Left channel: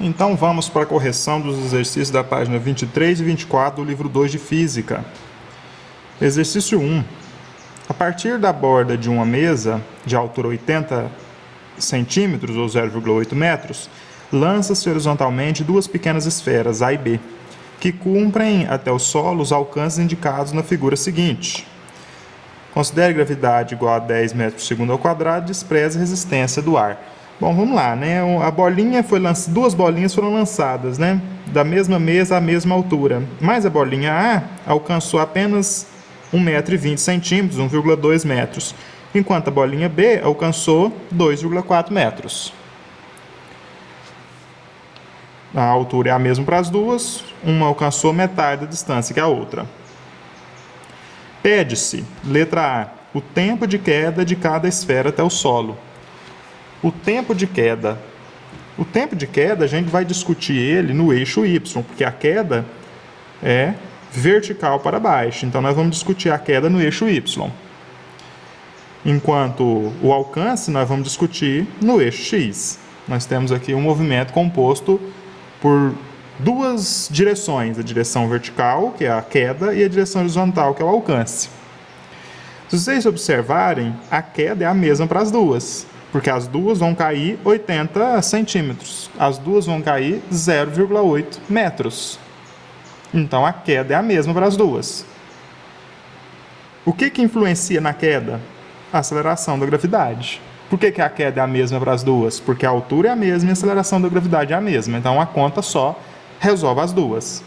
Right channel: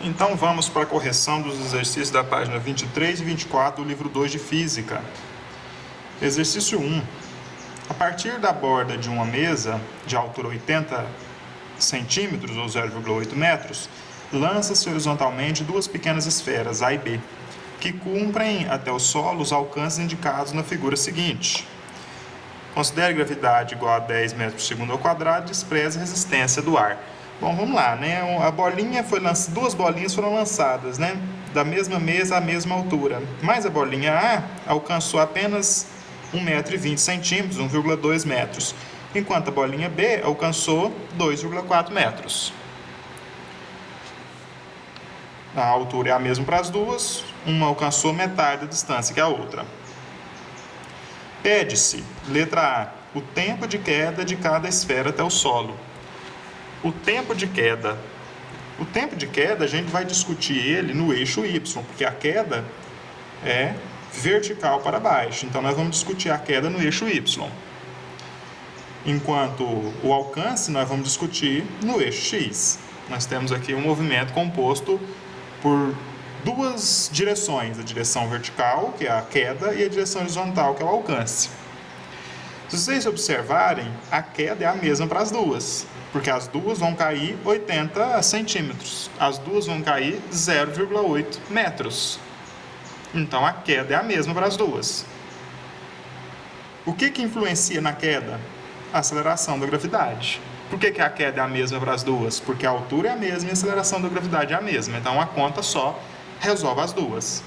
Então vamos para a correção dos exercícios da página 23 e 24 do livro 2 de Física. Exercício 1. A partir da borda de uma mesa de altura 80 centímetros ou 0,8 metros, lança-se horizontalmente duas pequenas esferas, A e B, que cumprem até o solo os alcances indicados na figura seguinte. Considere gravidade igual a 10 metros por segundo ao quadrado e despreze a resistência do ar. Bom, vamos lá, né? A bolinha foi duas bolinhas foram lançadas, né? Da mesma mesa à mesma altura. Mas a bolinha A alcançou apenas 1,20 m, 1,2 metros, enquanto a bolinha B alcançou 2,4 metros. A altura é a mesma para as duas, uma alcançou metade da distância que a outra. Pede-se, letra A, o tempo de queda de cada esfera até o solo. O tempo de queda a gente vai discutir ele no eixo Y, porque a queda é vertical para baixo. Então nós vamos discutir a queda no eixo Y. Enquanto o alcance nós vamos discutir no eixo X. Nós temos aqui um movimento composto por duas direções, a direção vertical, que é a queda, e a direção horizontal, que é o alcance. Se vocês observarem, a queda é a mesma para as duas, porque as duas vão cair 80 centímetros, as duas vão cair 0,8 metros. Então a queda é a mesma para as duas. O que influencia na queda? A aceleração da gravidade. Por que a queda é a mesma para as duas? Porque a altura é a mesma e a aceleração da gravidade é a mesma. Então a conta só resolve as duas.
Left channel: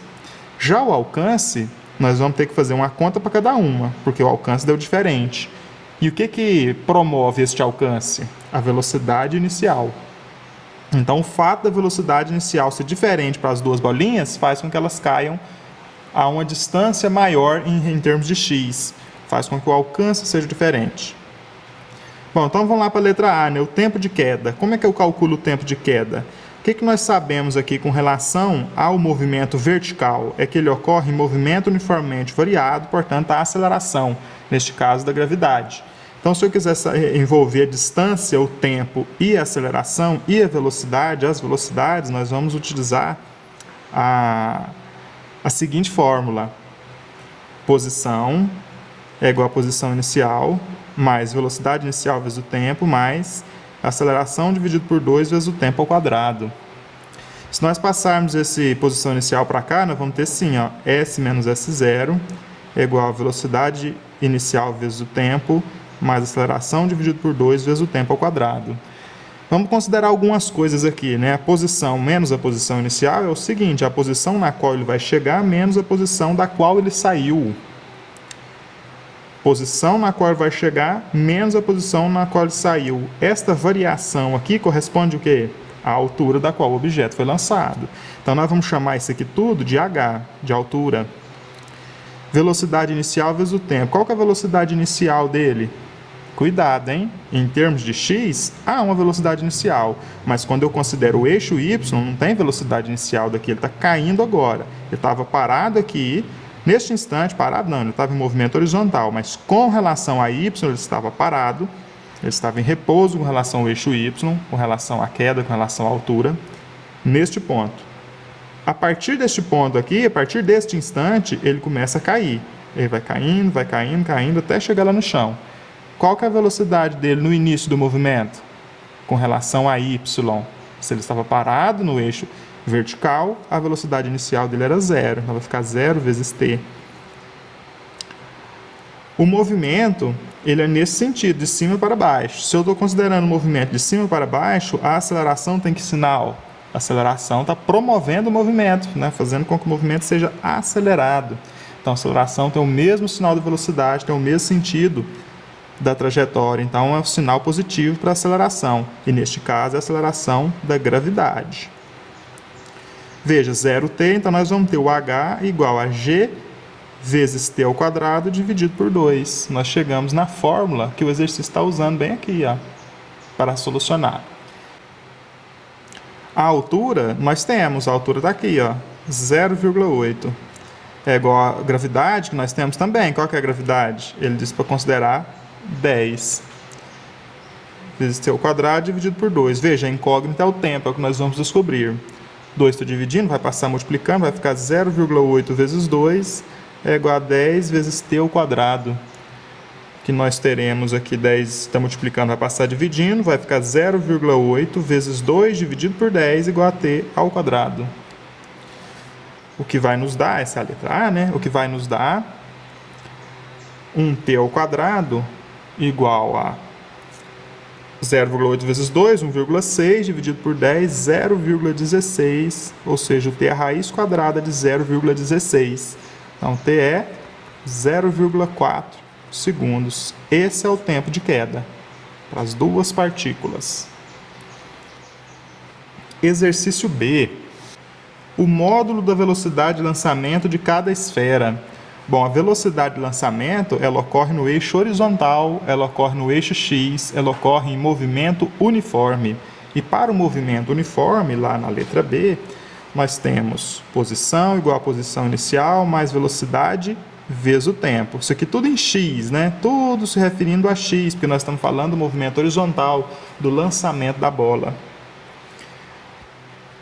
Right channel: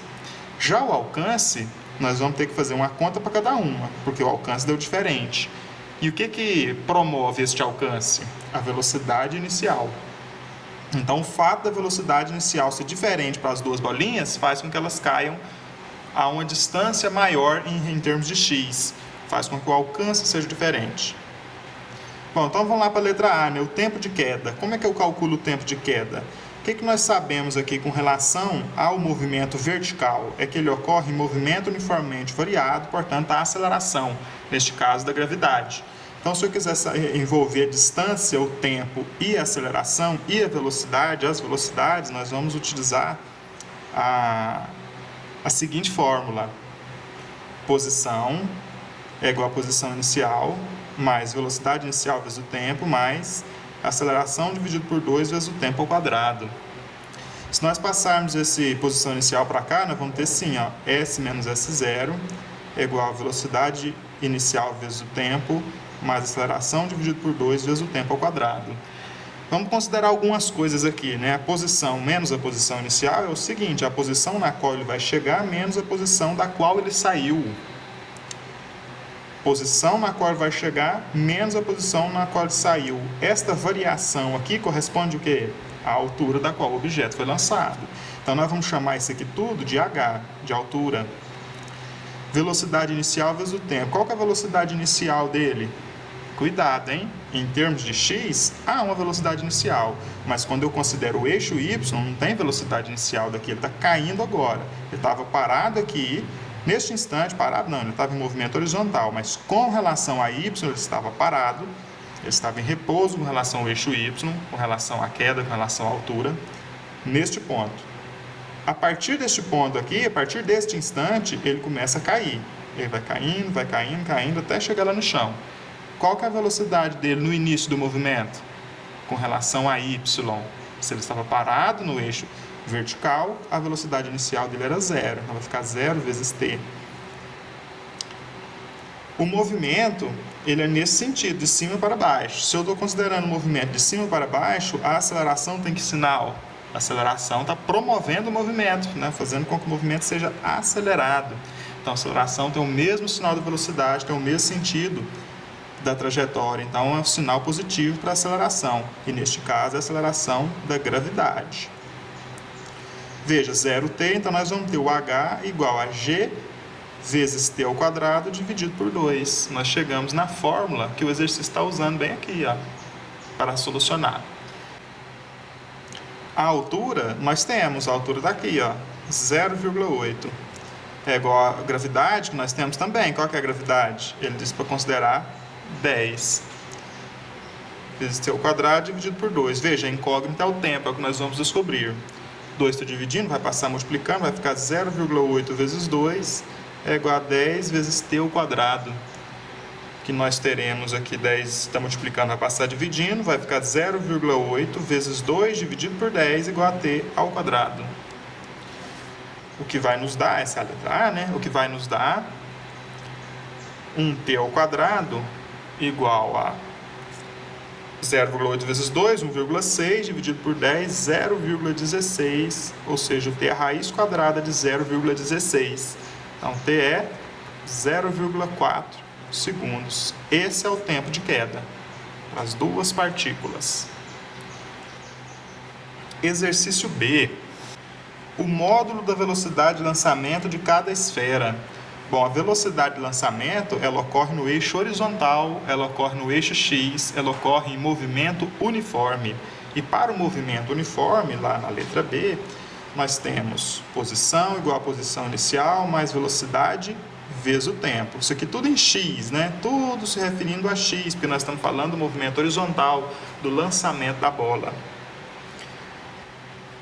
Já o alcance, nós vamos ter que fazer uma conta para cada uma, porque o alcance deu diferente. E o que promove este alcance? A velocidade inicial. Então o fato da velocidade inicial ser diferente para as duas bolinhas faz com que elas caiam a uma distância maior em termos de x. Faz com que o alcance seja diferente. Bom, então vamos lá para a letra A, né? O tempo de queda. Como é que eu calculo o tempo de queda? O que nós sabemos aqui com relação ao movimento vertical? É que ele ocorre em movimento uniformemente variado, portanto, a aceleração, neste caso, da gravidade. Então, se eu quiser envolver a distância, o tempo e a aceleração e a velocidade, as velocidades, nós vamos utilizar a seguinte fórmula. Posição é igual a posição inicial, mais velocidade inicial vezes o tempo, mais aceleração dividido por 2 vezes o tempo ao quadrado. Se nós passarmos essa posição inicial para cá, nós vamos ter assim, ó, S menos S0 é igual a velocidade inicial vezes o tempo, mais aceleração dividido por 2 vezes o tempo ao quadrado. Vamos considerar algumas coisas aqui, né? A posição menos a posição inicial é o seguinte, a posição na qual ele vai chegar menos a posição da qual ele saiu. Posição na qual ele vai chegar menos a posição na qual ele saiu. Esta variação aqui corresponde o quê? A altura da qual o objeto foi lançado. Então nós vamos chamar isso aqui tudo de h, de altura. Velocidade inicial vezes o tempo. Qual que é a velocidade inicial dele? Cuidado, hein? Em termos de x, há uma velocidade inicial. Mas quando eu considero o eixo y, não tem velocidade inicial daqui. Ele está caindo agora. Ele estava parado aqui. Neste instante, parado não, ele estava em movimento horizontal, mas com relação a y, ele estava parado, ele estava em repouso com relação ao eixo y, com relação à queda, com relação à altura, neste ponto. A partir deste ponto aqui, a partir deste instante, ele começa a cair. Ele vai caindo, até chegar lá no chão. Qual que é a velocidade dele no início do movimento? Com relação a y. Se ele estava parado no eixo vertical, a velocidade inicial dele era 0. Então vai ficar 0 vezes t. O movimento, ele é nesse sentido, de cima para baixo. Se eu estou considerando o movimento de cima para baixo, a aceleração tem que sinal. A aceleração está promovendo o movimento, né? Fazendo com que o movimento seja acelerado. Então a aceleração tem o mesmo sinal de velocidade, tem o mesmo sentido da trajetória. Então é um sinal positivo para a aceleração. E neste caso é a aceleração da gravidade. Veja, 0t, então nós vamos ter o h igual a g vezes t ao quadrado dividido por 2. Nós chegamos na fórmula que o exercício está usando bem aqui, ó, para solucionar. A altura, nós temos, a altura está aqui, 0,8. É igual a gravidade, que nós temos também. Qual que é a gravidade? Ele diz para considerar 10. Vezes t ao quadrado dividido por 2. Veja, a incógnita é o tempo, é o que nós vamos descobrir. 2 está dividindo, vai passar multiplicando, vai ficar 0,8 vezes 2 é igual a 10 vezes t ao quadrado. Que nós teremos aqui 10 está multiplicando, vai passar dividindo, vai ficar 0,8 vezes 2 dividido por 10 igual a t ao quadrado. O que vai nos dar, essa é a letra A, né? O que vai nos dar 1t ao quadrado igual a 0,8 vezes 2, 1,6, dividido por 10, 0,16, ou seja, o t é a raiz quadrada de 0,16. Então, t é 0,4 segundos. Esse é o tempo de queda para as duas partículas. Exercício B. O módulo da velocidade de lançamento de cada esfera. Bom, a velocidade de lançamento, ela ocorre no eixo horizontal, ela ocorre no eixo X, ela ocorre em movimento uniforme. E para o movimento uniforme, lá na letra B, nós temos posição igual a posição inicial, mais velocidade vezes o tempo. Isso aqui tudo em X, né? Tudo se referindo a X, porque nós estamos falando do movimento horizontal, do lançamento da bola.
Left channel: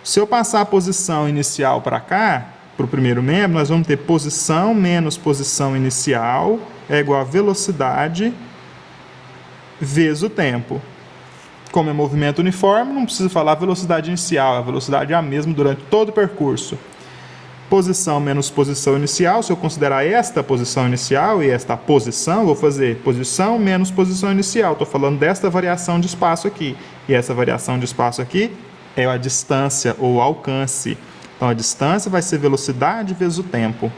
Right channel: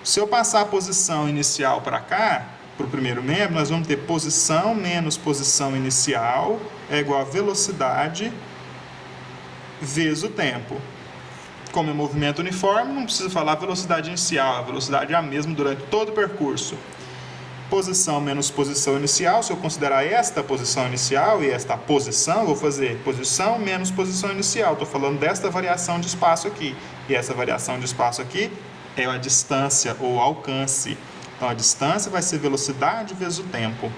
Se eu passar a posição inicial para cá, para o primeiro membro, nós vamos ter posição menos posição inicial é igual a velocidade vezes o tempo. Como é movimento uniforme, não precisa falar velocidade inicial, a velocidade é a mesma durante todo o percurso. Posição menos posição inicial, se eu considerar esta posição inicial e esta posição, vou fazer posição menos posição inicial. Estou falando desta variação de espaço aqui. E essa variação de espaço aqui é a distância ou alcance. Então, a distância vai ser velocidade vezes o tempo.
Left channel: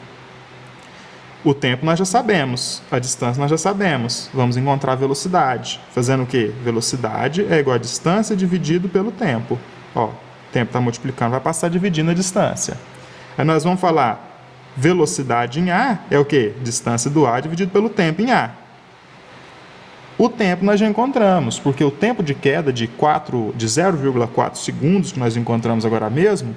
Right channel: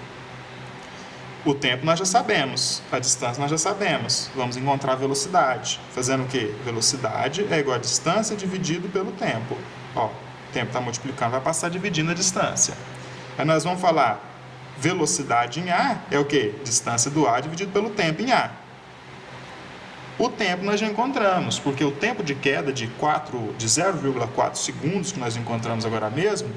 O tempo nós já sabemos, a distância nós já sabemos. Vamos encontrar a velocidade. Fazendo o quê? Velocidade é igual a distância dividido pelo tempo. Ó, o tempo está multiplicando, vai passar dividindo a distância. Aí nós vamos falar velocidade em A é o quê? Distância do A dividido pelo tempo em A. O tempo nós já encontramos, porque o tempo de queda de 0,4 segundos, que nós encontramos agora mesmo,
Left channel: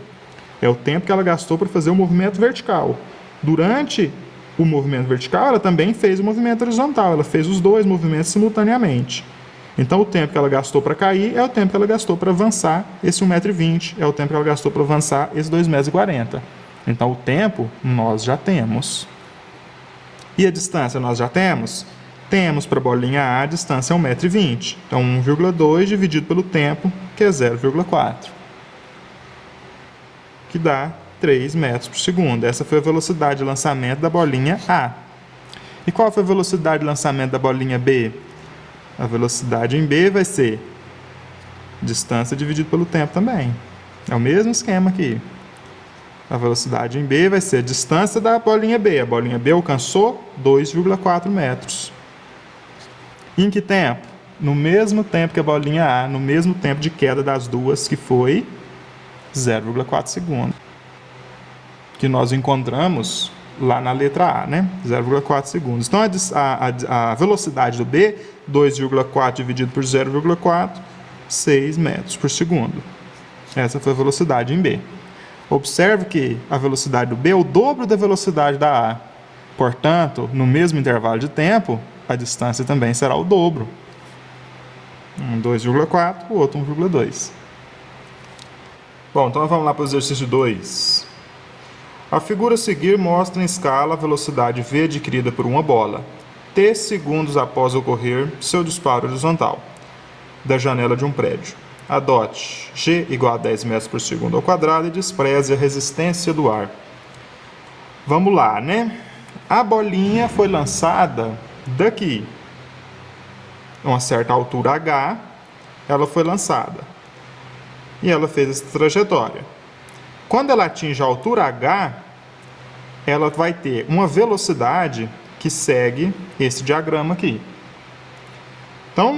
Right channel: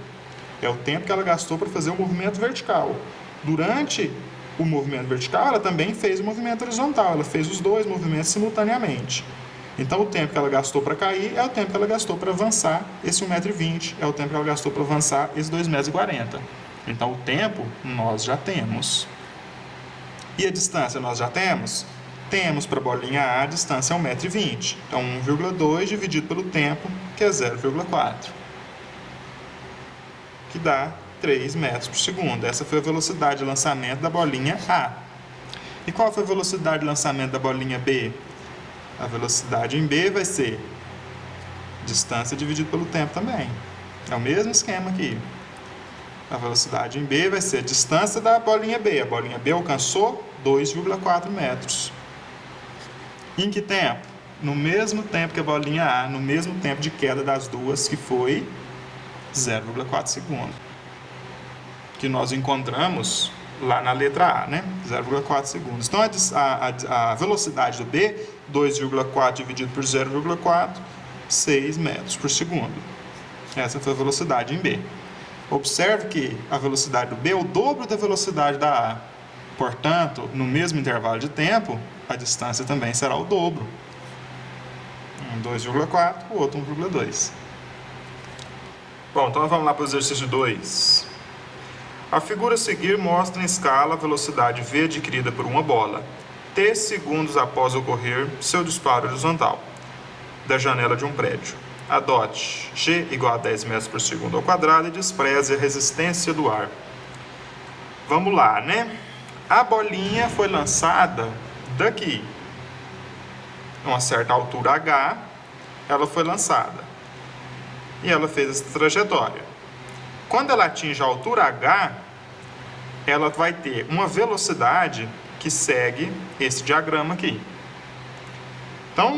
é o tempo que ela gastou para fazer o movimento vertical. Durante o movimento vertical, ela também fez o movimento horizontal, ela fez os dois movimentos simultaneamente. Então, o tempo que ela gastou para cair é o tempo que ela gastou para avançar esse 1,20 m, é o tempo que ela gastou para avançar esse 2,40 m. Então, o tempo nós já temos. E a distância nós já temos? Temos para a bolinha A a distância é 1,20 m. Então, 1,2 dividido pelo tempo, que é 0,4. Que dá 3 metros por segundo. Essa foi a velocidade de lançamento da bolinha A. E qual foi a velocidade de lançamento da bolinha B? A velocidade em B vai ser distância dividido pelo tempo também. É o mesmo esquema aqui. A velocidade em B vai ser a distância da bolinha B. A bolinha B alcançou 2,4 metros. Em que tempo? No mesmo tempo que a bolinha A, no mesmo tempo de queda das duas, que foi 0,4 segundos. Que nós encontramos lá na letra A, né? 0,4 segundos. Então, a velocidade do B, 2,4 dividido por 0,4, 6 metros por segundo. Essa foi a velocidade em B. Observe que a velocidade do B é o dobro da velocidade da A. Portanto, no mesmo intervalo de tempo, a distância também será o dobro. Um 2,4, o outro 1,2. Bom, então vamos lá para o exercício 2. A figura a seguir mostra em escala a velocidade v adquirida por uma bola, t segundos após ocorrer seu disparo horizontal da janela de um prédio. Adote g igual a 10 metros por segundo ao quadrado e despreze a resistência do ar. Vamos lá, né? A bolinha foi lançada daqui, a uma certa altura h, ela foi lançada. E ela fez essa trajetória. Quando ela atinge a altura h, ela vai ter uma velocidade que segue esse diagrama aqui. Então,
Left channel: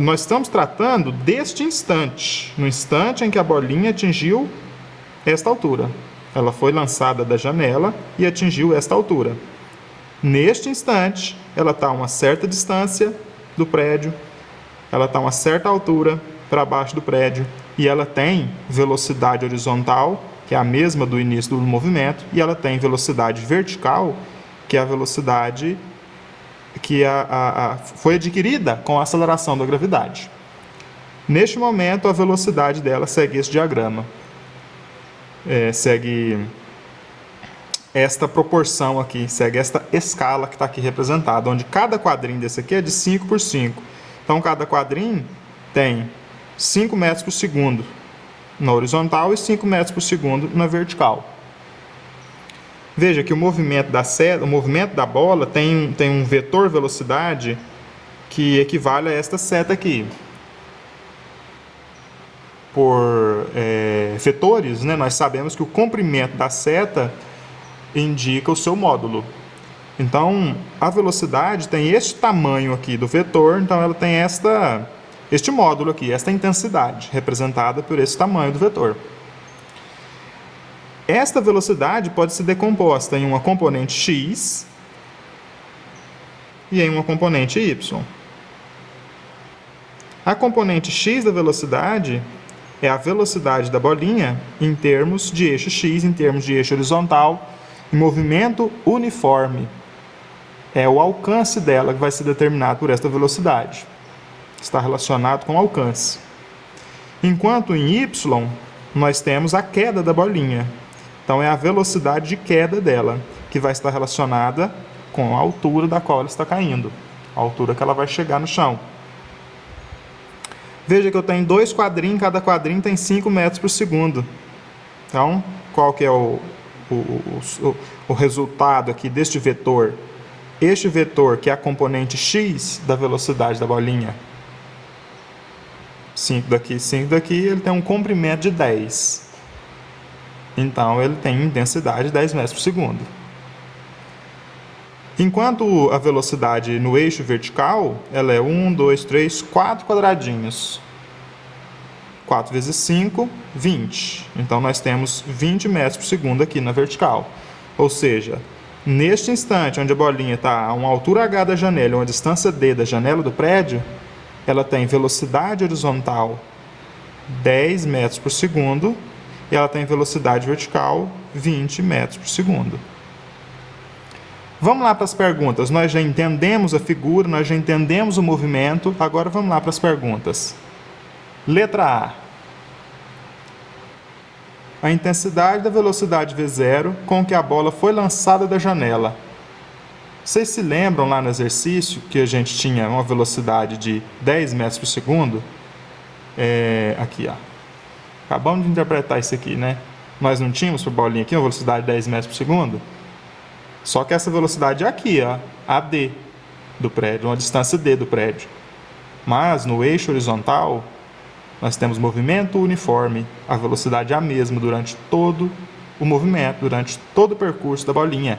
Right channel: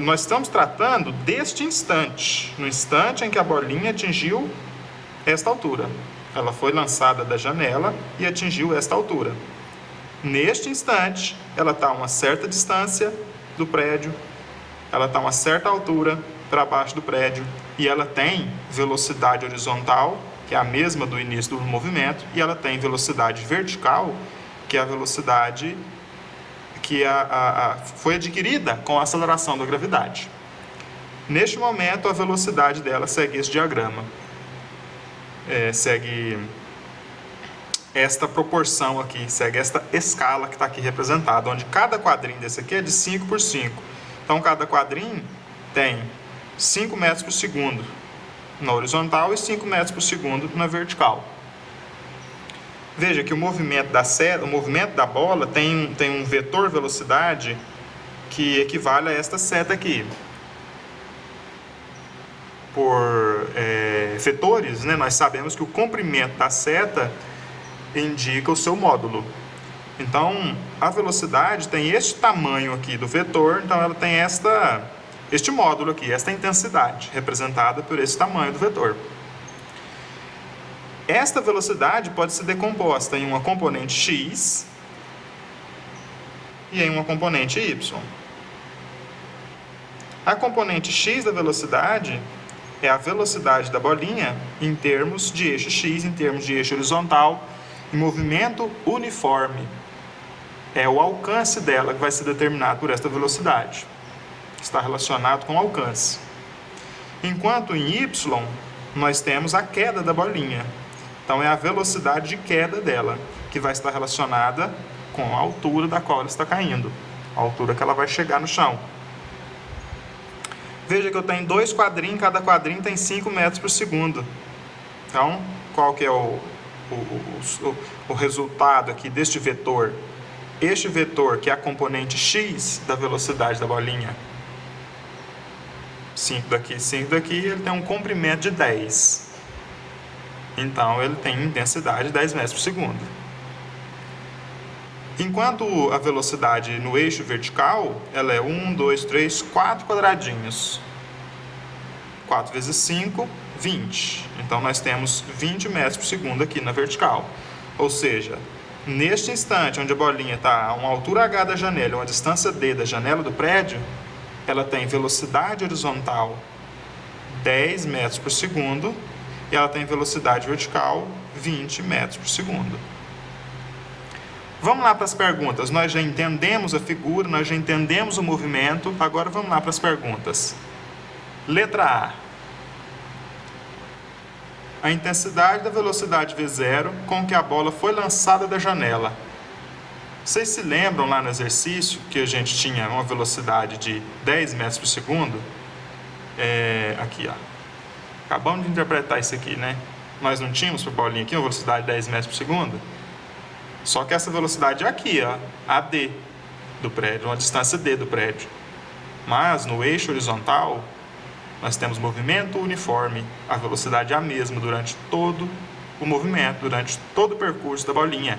nós estamos tratando deste instante, no instante em que a bolinha atingiu esta altura. Ela foi lançada da janela e atingiu esta altura. Neste instante, ela está a uma certa distância do prédio, ela está a uma certa altura para baixo do prédio, e ela tem velocidade horizontal, que é a mesma do início do movimento, e ela tem velocidade vertical, que é a velocidade que foi adquirida com a aceleração da gravidade. Neste momento, a velocidade dela segue esse diagrama. segue esta proporção aqui, segue esta escala que está aqui representada, onde cada quadrinho desse aqui é de 5 por 5. Então, cada quadrinho tem 5 metros por segundo na horizontal e 5 metros por segundo na vertical. Veja que o movimento da seta, o movimento da bola tem um vetor velocidade que equivale a esta seta aqui. Por vetores, né, nós sabemos que o comprimento da seta indica o seu módulo. Então, a velocidade tem este tamanho aqui do vetor, então ela tem este módulo aqui, esta intensidade, representada por esse tamanho do vetor. Esta velocidade pode ser decomposta em uma componente x e em uma componente y. A componente x da velocidade é a velocidade da bolinha em termos de eixo x, em termos de eixo horizontal, em movimento uniforme. É o alcance dela que vai ser determinado por esta velocidade. Está relacionado com o alcance. Enquanto em y, nós temos a queda da bolinha. Então, é a velocidade de queda dela, que vai estar relacionada com a altura da qual ela está caindo, a altura que ela vai chegar no chão. Veja que eu tenho 2 quadrinhos, cada quadrinho tem 5 metros por segundo. Então, qual que é o resultado aqui deste vetor? Este vetor, que é a componente x da velocidade da bolinha, 5 daqui, 5 daqui, ele tem um comprimento de 10. Então, ele tem intensidade de 10 metros por segundo. Enquanto a velocidade no eixo vertical, ela é 1, 2, 3, 4 quadradinhos. 4 vezes 5, 20. Então, nós temos 20 metros por segundo aqui na vertical. Ou seja, neste instante, onde a bolinha está a uma altura h da janela, uma distância d da janela do prédio, ela tem velocidade horizontal 10 metros por segundo e ela tem velocidade vertical 20 metros por segundo. Vamos lá para as perguntas. Nós já entendemos a figura, nós já entendemos o movimento, agora vamos lá para as perguntas. Letra A. A intensidade da velocidade V0 com que a bola foi lançada da janela. Vocês se lembram lá no exercício que a gente tinha uma velocidade de 10 metros por segundo? Aqui, ó. Acabamos de interpretar isso aqui, né? Nós não tínhamos para a bolinha aqui uma velocidade de 10 metros por segundo? Só que essa velocidade é aqui, ó, a d do prédio, uma distância d do prédio. Mas no eixo horizontal, nós temos movimento uniforme, a velocidade é a mesma durante todo o movimento, durante todo o percurso da bolinha.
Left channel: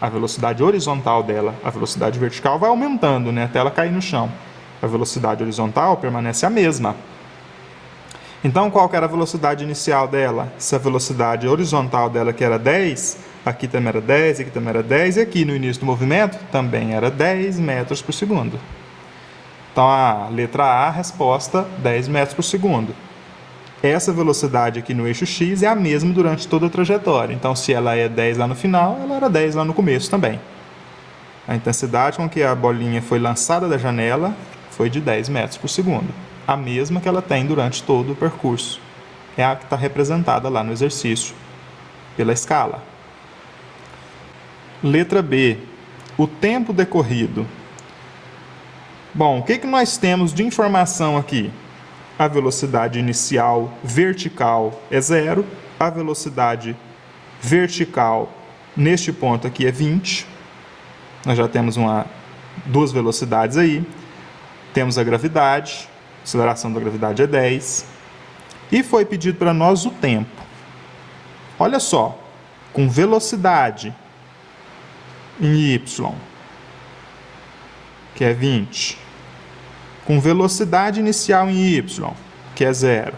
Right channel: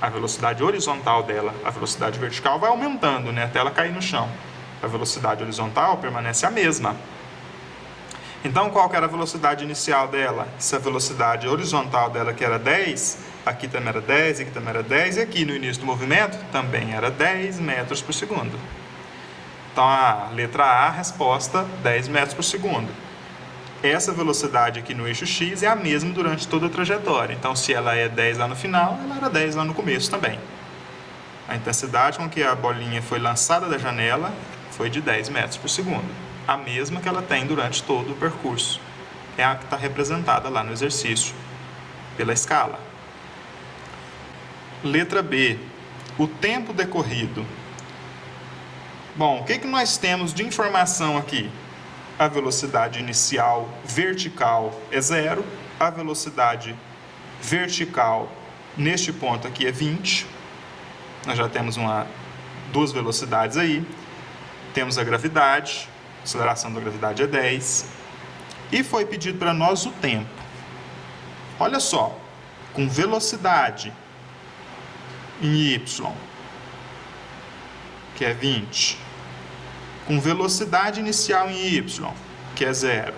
A velocidade horizontal dela, a velocidade vertical vai aumentando, né, até ela cair no chão. A velocidade horizontal permanece a mesma. Então, qual que era a velocidade inicial dela? Se a velocidade horizontal dela que era 10, aqui também era 10, aqui também era 10, e aqui no início do movimento também era 10 metros por segundo. Então, a letra A, a resposta, 10 metros por segundo. Essa velocidade aqui no eixo X é a mesma durante toda a trajetória. Então, se ela é 10 lá no final, ela era 10 lá no começo também. A intensidade com que a bolinha foi lançada da janela foi de 10 metros por segundo. A mesma que ela tem durante todo o percurso. É a que está representada lá no exercício, pela escala. Letra B. O tempo decorrido. Bom, o que nós temos de informação aqui? A velocidade inicial vertical é 0. A velocidade vertical neste ponto aqui é 20. Nós já temos duas velocidades aí. Temos a gravidade. A aceleração da gravidade é 10. E foi pedido para nós o tempo. Olha só, com velocidade em y, que é 20, com velocidade inicial em y, que é 0,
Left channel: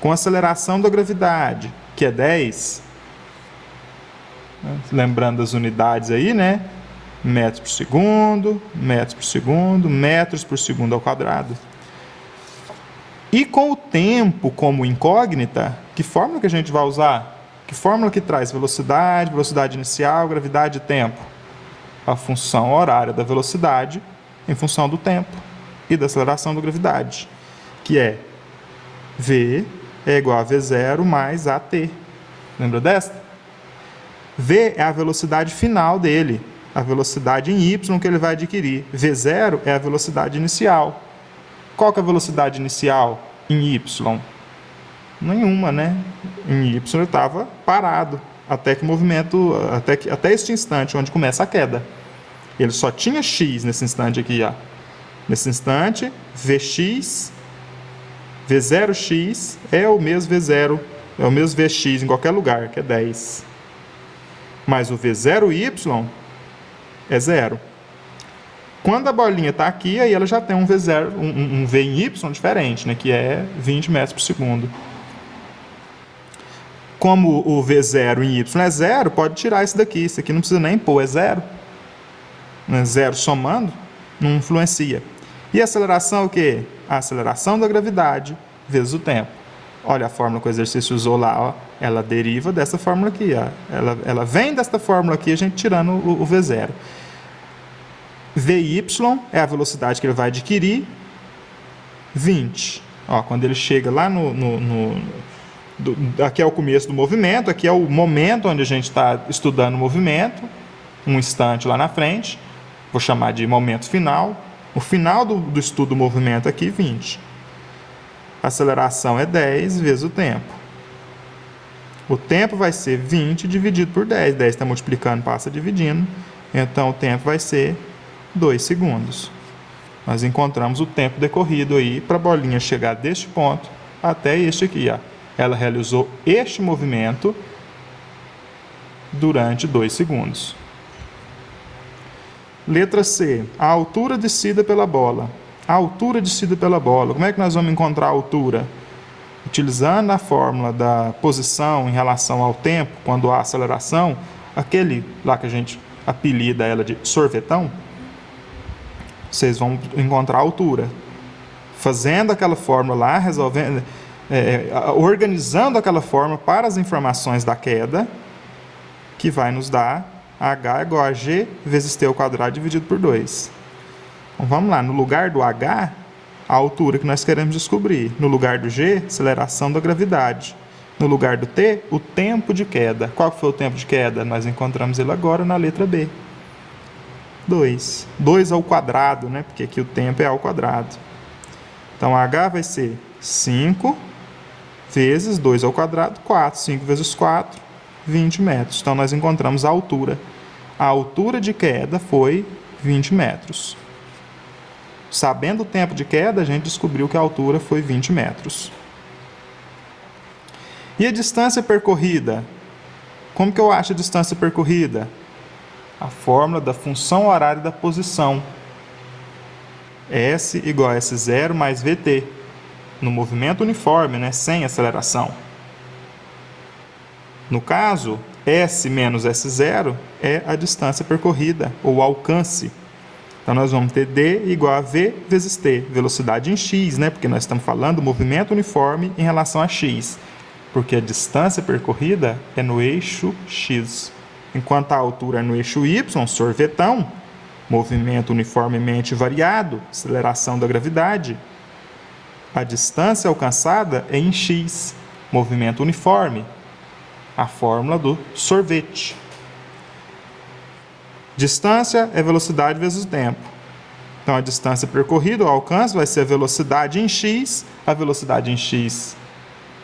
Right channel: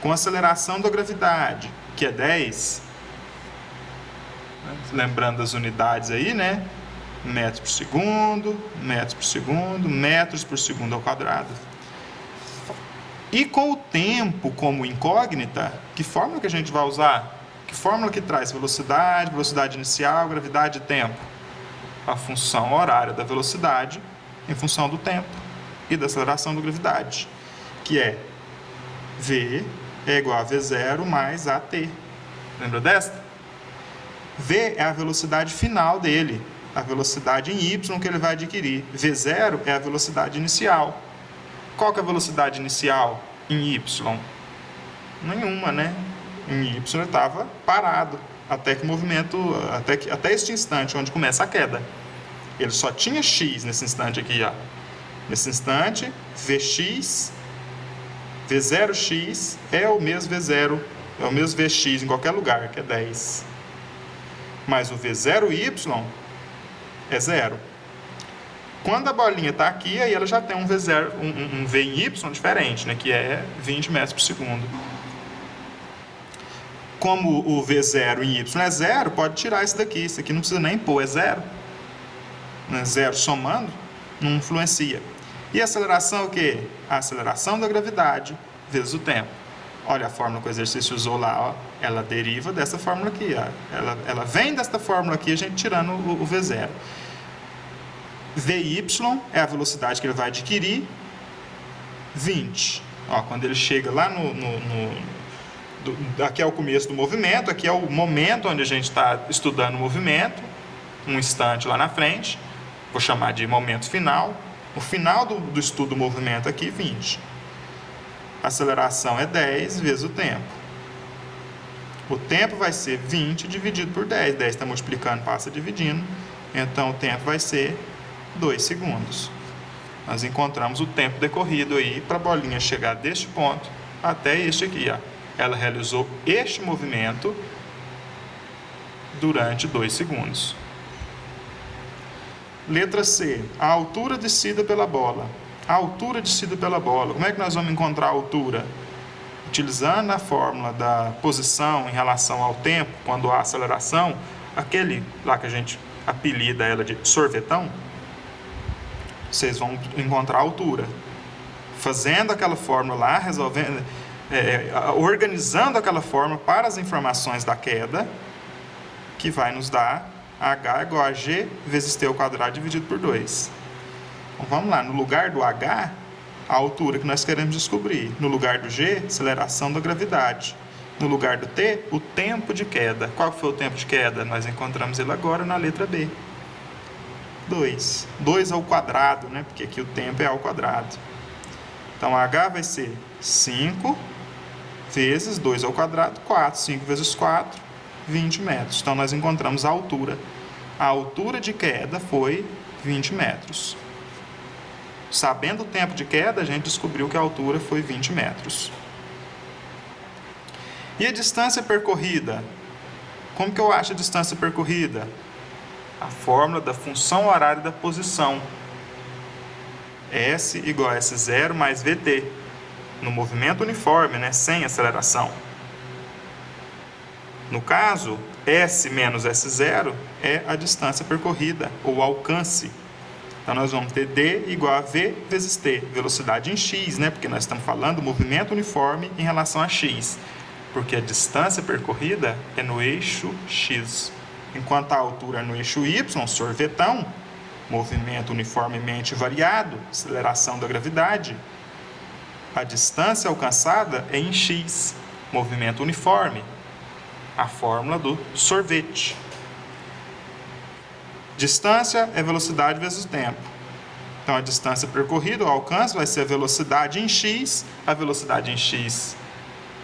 com aceleração da gravidade, que é 10, lembrando as unidades aí, né? Metros por segundo, metros por segundo, metros por segundo ao quadrado. E com o tempo como incógnita, que fórmula que a gente vai usar? Que fórmula que traz velocidade, velocidade inicial, gravidade e tempo? A função horária da velocidade em função do tempo e da aceleração da gravidade, que é V é igual a V0 mais AT. Lembra desta? V é a velocidade final dele, a velocidade em Y que ele vai adquirir. V0 é a velocidade inicial. Qual que é a velocidade inicial em Y? Nenhuma, né? Em Y ele estava parado, até que o movimento, até este instante onde começa a queda. Ele só tinha X nesse instante aqui, ó. Nesse instante, Vx, V0x é o mesmo V0, é o mesmo Vx em qualquer lugar, que é 10. Mas o V0y é 0. Quando a bolinha está aqui, aí ela já tem um V0, um V em Y diferente, né, que é 20 metros por segundo. Como o V0 em Y é 0, pode tirar isso daqui. Isso aqui não precisa nem pôr, é 0. É 0 somando, não influencia. E a aceleração é o quê? A aceleração da gravidade vezes o tempo. Olha a fórmula que o exercício usou lá, ó. Ela deriva dessa fórmula aqui, ó. Ela vem desta fórmula aqui, a gente tirando o V0. Vy é a velocidade que ele vai adquirir, 20. Ó, quando ele chega lá aqui é o começo do movimento, aqui é o momento onde a gente está estudando o movimento, um instante lá na frente, vou chamar de momento final. O final do estudo do movimento aqui, 20. A aceleração é 10 vezes o tempo. O tempo vai ser 20 dividido por 10. 10 está multiplicando, passa dividindo. Então, o tempo vai ser 2 segundos. Nós encontramos o tempo decorrido aí para a bolinha chegar deste ponto até este aqui, ó. Ela realizou este movimento durante 2 segundos. Letra C. A altura descida pela bola. A altura descida pela bola. Como é que nós vamos encontrar a altura? Utilizando a fórmula da posição em relação ao tempo, quando há aceleração, aquele lá que a gente apelida ela de sorvetão, vocês vão encontrar a altura. Fazendo aquela fórmula lá, resolvendo, organizando aquela fórmula para as informações da queda, que vai nos dar H igual a G vezes T ao quadrado dividido por 2. Então, vamos lá, no lugar do H, a altura que nós queremos descobrir. No lugar do G, aceleração da gravidade. No lugar do T, o tempo de queda. Qual foi o tempo de queda? Nós encontramos ele agora na letra B. 2. 2 ao quadrado, né? Porque aqui o tempo é ao quadrado. Então, H vai ser 5 vezes 2 ao quadrado, 4. 5 vezes 4, 20 metros. Então, nós encontramos a altura. A altura de queda foi 20 metros. Sabendo o tempo de queda, a gente descobriu que a altura foi 20 metros. E a distância percorrida? Como que eu acho a distância percorrida? A fórmula da função horária da posição. S igual a S0 mais VT. No movimento uniforme, né, sem aceleração. No caso, S menos S0 é a distância percorrida, ou alcance. Então, nós vamos ter D igual a V vezes T, velocidade em X, né? Porque nós estamos falando do movimento uniforme em relação a X. Porque a distância percorrida é no eixo X. Enquanto a altura é no eixo Y, sorvetão, movimento uniformemente variado, aceleração da gravidade. A distância alcançada é em X, movimento uniforme, a fórmula do sorvete. Distância é velocidade vezes tempo. Então, a distância percorrida, o alcance, vai ser a velocidade em X. A velocidade em X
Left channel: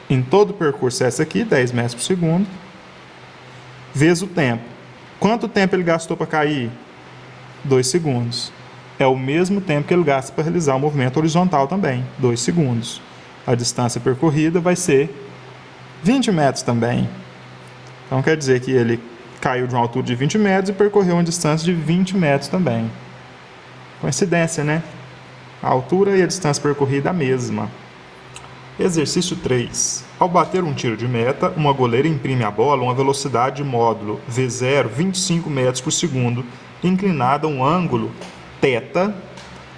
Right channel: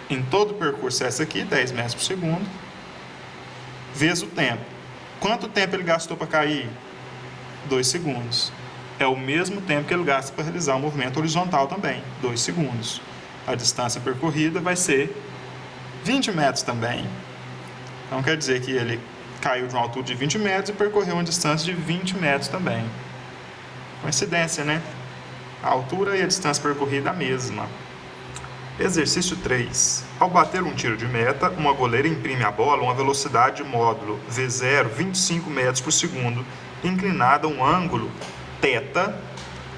em todo o percurso é essa aqui, 10 metros por segundo, vezes o tempo. Quanto tempo ele gastou para cair? 2 segundos. É o mesmo tempo que ele gasta para realizar o movimento horizontal também, 2 segundos. A distância percorrida vai ser 20 metros também. Então, quer dizer que ele caiu de uma altura de 20 metros e percorreu uma distância de 20 metros também. Coincidência, né? A altura e a distância percorrida a mesma. Exercício 3. Ao bater um tiro de meta, uma goleira imprime à bola uma velocidade de módulo V0 25 metros por segundo, inclinada a um ângulo θ,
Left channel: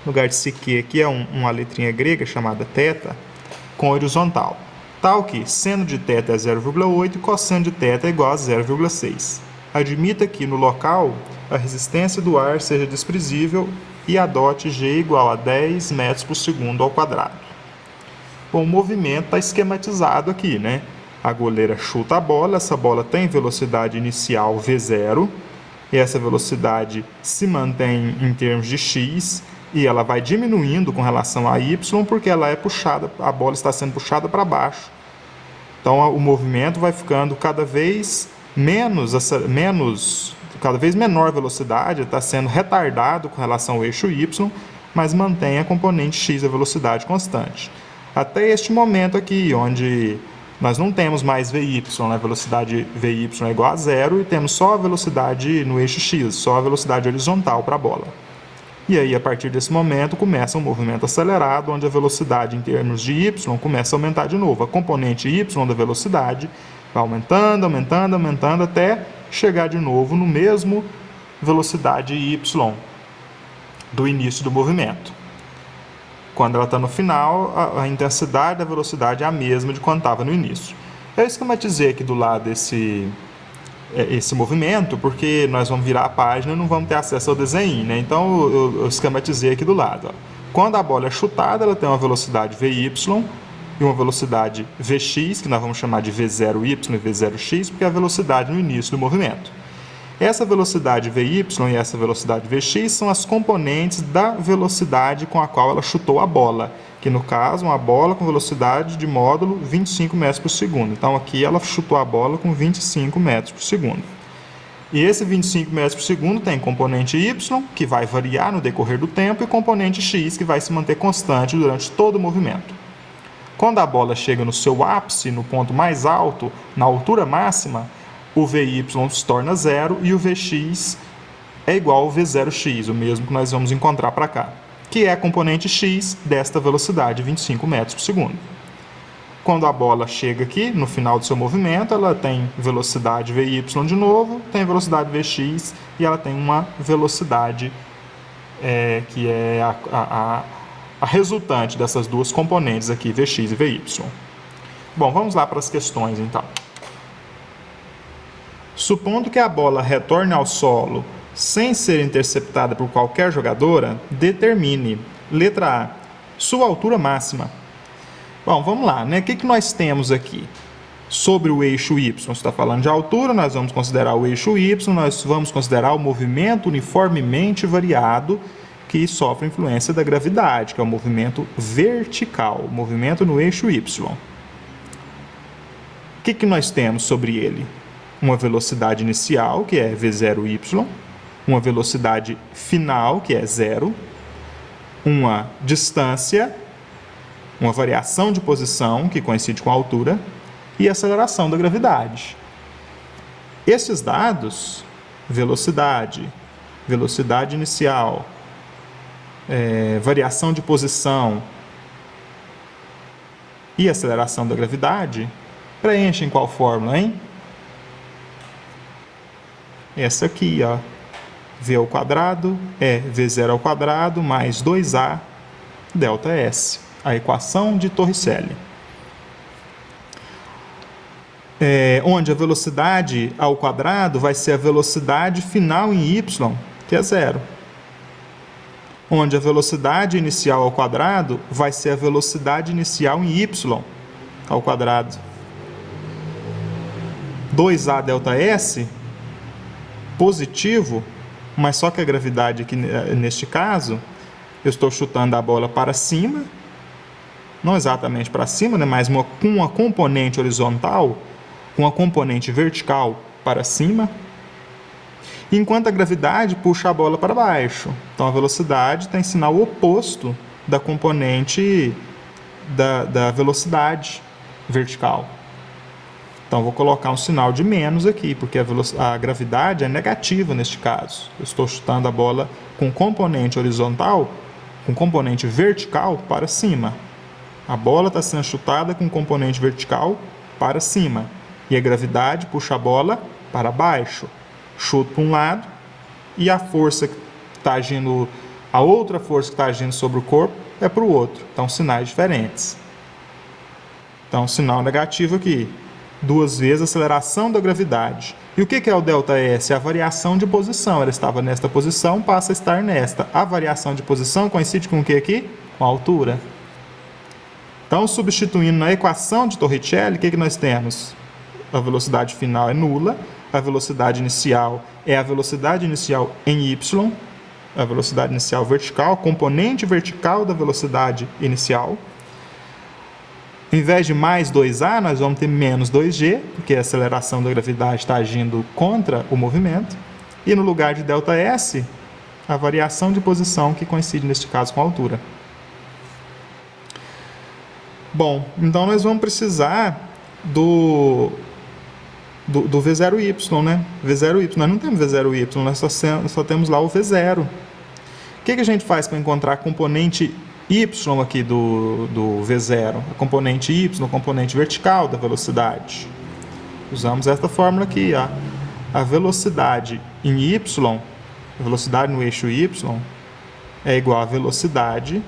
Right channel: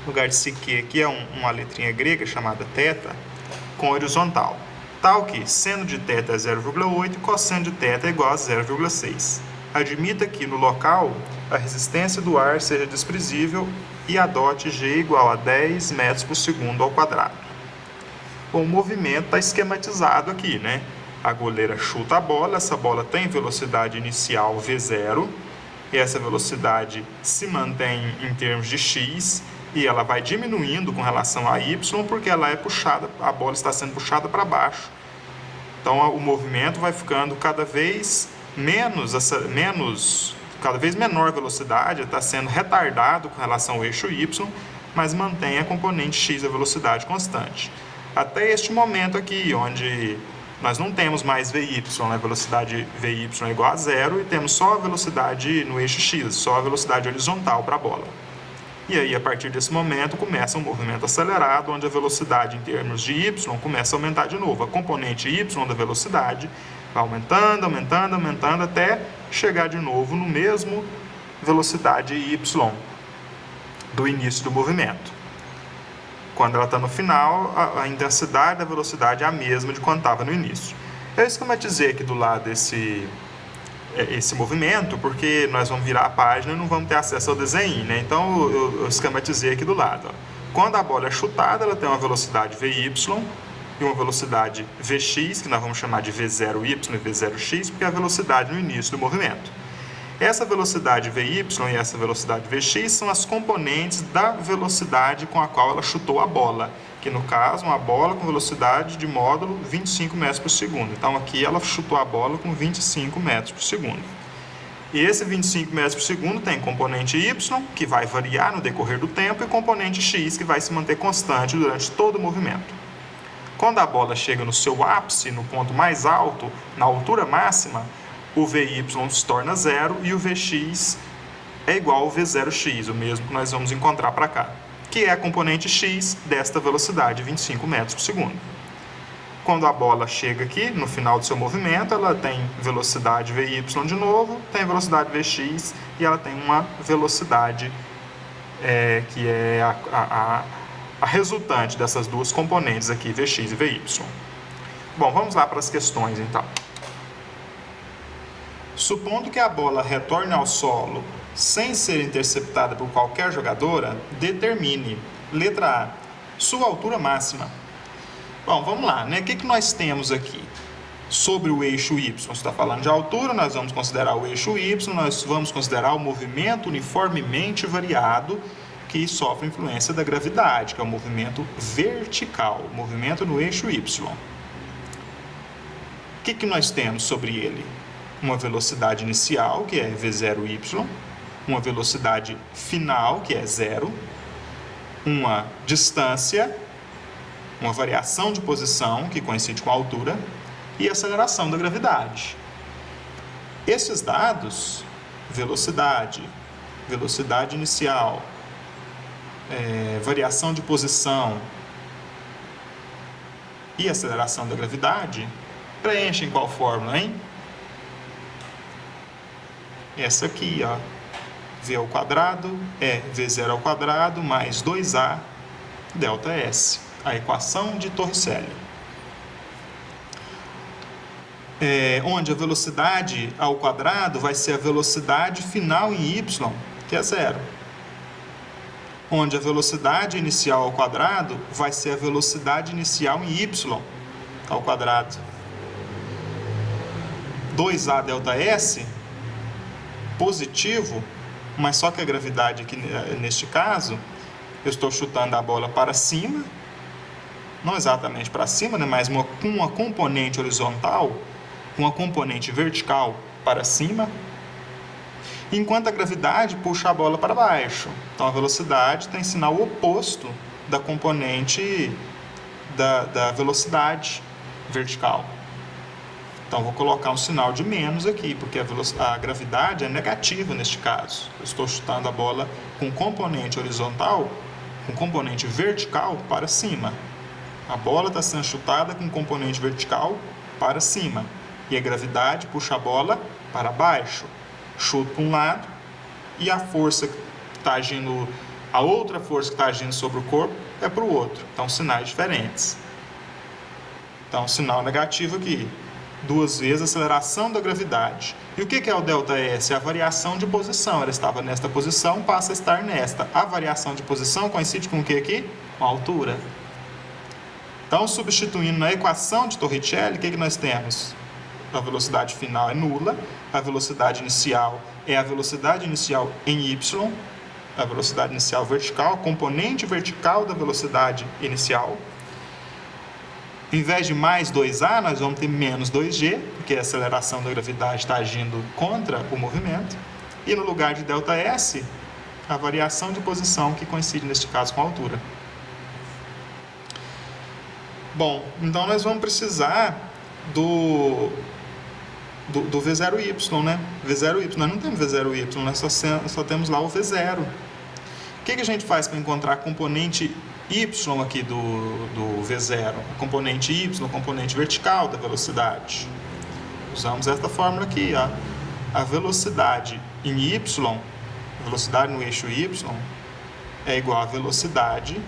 no lugar de CQ aqui é uma letrinha grega chamada θ, com horizontal. Tal que seno de θ é 0,8 e cosseno de θ é igual a 0,6. Admita que no local a resistência do ar seja desprezível e adote G igual a 10 metros por segundo ao quadrado. Bom, o movimento está esquematizado aqui, né? A goleira chuta a bola, essa bola tem velocidade inicial V0, e essa velocidade se mantém em termos de x, e ela vai diminuindo com relação a y, porque ela é puxada, a bola está sendo puxada para baixo. Então o movimento vai ficando cada vez cada vez menor velocidade, está sendo retardado com relação ao eixo y, mas mantém a componente x, a velocidade constante. Até este momento aqui, onde nós não temos mais VY, a velocidade VY é igual a zero, e temos só a velocidade no eixo x, só a velocidade horizontal para a bola. E aí, a partir desse momento, começa um movimento acelerado, onde a velocidade em termos de y começa a aumentar de novo. A componente y da velocidade vai aumentando, aumentando, aumentando, até chegar de novo no mesmo velocidade y do início do movimento. Quando ela está no final, a intensidade da velocidade é a mesma de quando estava no início. Eu esquematizei aqui do lado esse movimento, porque nós vamos virar a página e não vamos ter acesso ao desenho, né? Então eu esquematizei aqui do lado. Ó. Quando a bola é chutada, ela tem uma velocidade Vy e uma velocidade Vx, que nós vamos chamar de V0y e V0x, porque é a velocidade no início do movimento. Essa velocidade Vy e essa velocidade Vx são as componentes da velocidade com a qual ela chutou a bola, que no caso, uma bola com velocidade de módulo 25 metros por segundo. Então aqui ela chutou a bola com 25 metros por segundo. E esse 25 metros por segundo tem componente y, que vai variar no decorrer do tempo, e componente x, que vai se manter constante durante todo o movimento. Quando a bola chega no seu ápice, no ponto mais alto, na altura máxima, o Vy se torna zero e o Vx é igual ao V0x, o mesmo que nós vamos encontrar para cá, que é a componente x desta velocidade, 25 metros por segundo. Quando a bola chega aqui, no final do seu movimento, ela tem velocidade Vy de novo, tem velocidade Vx e ela tem uma velocidade que é a resultante dessas duas componentes aqui, Vx e Vy. Bom, vamos lá para as questões então. Supondo que a bola retorne ao solo sem ser interceptada por qualquer jogadora, determine, letra A, sua altura máxima. Bom, vamos lá, né? O que nós temos aqui? Sobre o eixo Y, você está falando de altura, nós vamos considerar o eixo Y, nós vamos considerar o movimento uniformemente variado que sofre influência da gravidade, que é o movimento vertical, o movimento no eixo Y. O que nós temos sobre ele? Uma velocidade inicial, que é V0y, uma velocidade final, que é zero, uma distância, uma variação de posição, que coincide com a altura, e aceleração da gravidade. Esses dados, velocidade inicial, variação de posição e aceleração da gravidade, preenchem qual fórmula, hein? Essa aqui, ó, V ao quadrado é V0 ao quadrado mais 2A delta S, a equação de Torricelli. Onde a velocidade ao quadrado vai ser a velocidade final em y, que é zero. Onde a velocidade inicial ao quadrado vai ser a velocidade inicial em y ao quadrado. 2A delta S positivo, mas só que a gravidade aqui, neste caso, eu estou chutando a bola para cima, não exatamente para cima, né, mas com uma componente horizontal, com uma componente vertical para cima, enquanto a gravidade puxa a bola para baixo. Então a velocidade tem sinal oposto da componente da velocidade vertical. Então, vou colocar um sinal de menos aqui, porque a gravidade é negativa neste caso. Eu estou chutando a bola com componente horizontal, com componente vertical para cima. A bola está sendo chutada com componente vertical para cima. E a gravidade puxa a bola para baixo. Chuto para um lado e a força que está agindo, a outra força que está agindo sobre o corpo é para o outro. Então, sinais diferentes. Então, sinal negativo aqui. Duas vezes a aceleração da gravidade. E o que é o ΔS? A variação de posição. Ela estava nesta posição, passa a estar nesta. A variação de posição coincide com o que aqui? Com a altura. Então, substituindo na equação de Torricelli, o que nós temos? A velocidade final é nula, a velocidade inicial é a velocidade inicial em y, a velocidade inicial vertical, a componente vertical da velocidade inicial. Em vez de mais 2a, nós vamos ter menos 2g, porque a aceleração da gravidade está agindo contra o movimento. E no lugar de ΔS, a variação de posição que coincide, neste caso, com a altura. Bom, então nós vamos precisar do V0y, né? V0y, nós não temos V0y, nós só temos lá o V0. O que a gente faz para encontrar a componente y aqui do V0? A componente y, a componente vertical da velocidade. Usamos esta fórmula aqui, ó. A velocidade em y, a velocidade no eixo y, é igual a velocidade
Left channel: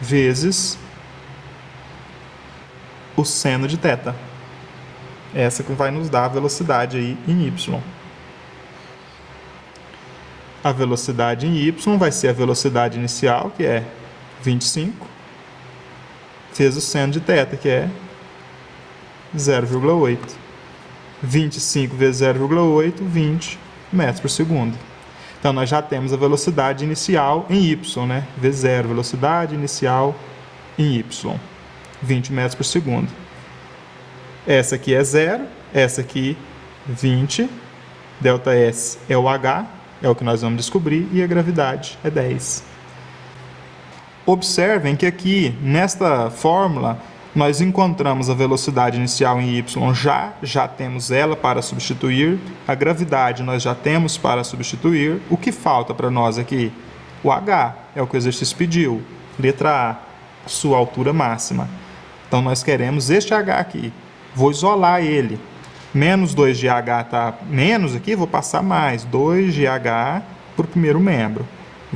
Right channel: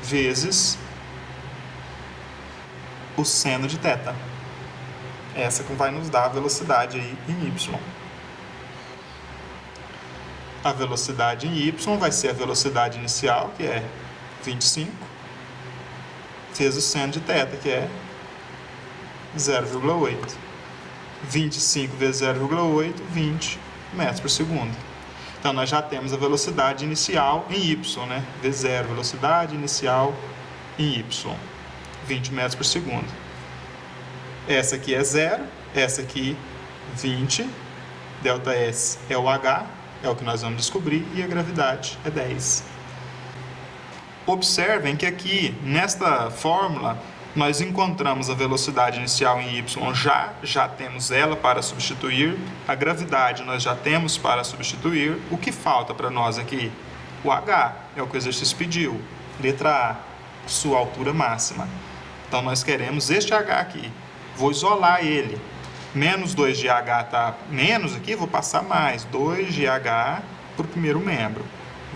vezes o seno de θ. Essa que vai nos dar a velocidade aí em y. A velocidade em y vai ser a velocidade inicial, que é 25, vezes o seno de θ, que é 0,8. 25 vezes 0,8, 20 metros por segundo. Então, nós já temos a velocidade inicial em y, né? V0, velocidade inicial em y. 20 metros por segundo. Essa aqui é 0, essa aqui 20, ΔS é o H, é o que nós vamos descobrir, e a gravidade é 10. Observem que aqui, nesta fórmula, nós encontramos a velocidade inicial em y, já temos ela para substituir, a gravidade nós já temos para substituir. O que falta para nós aqui? O H, é o que o exercício pediu. Letra A, sua altura máxima. Então, nós queremos este H aqui. Vou isolar ele. Menos 2GH está menos aqui, vou passar mais. 2GH para o primeiro membro.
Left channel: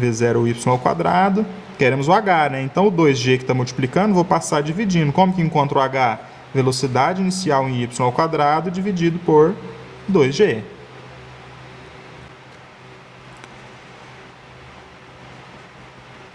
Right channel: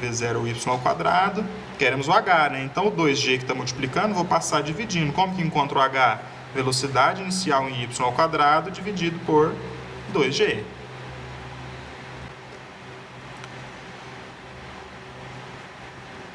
V0y ao quadrado. Queremos o H, né? Então, o 2G que está multiplicando, vou passar dividindo. Como que encontro o H? Velocidade inicial em y ao quadrado dividido por 2G.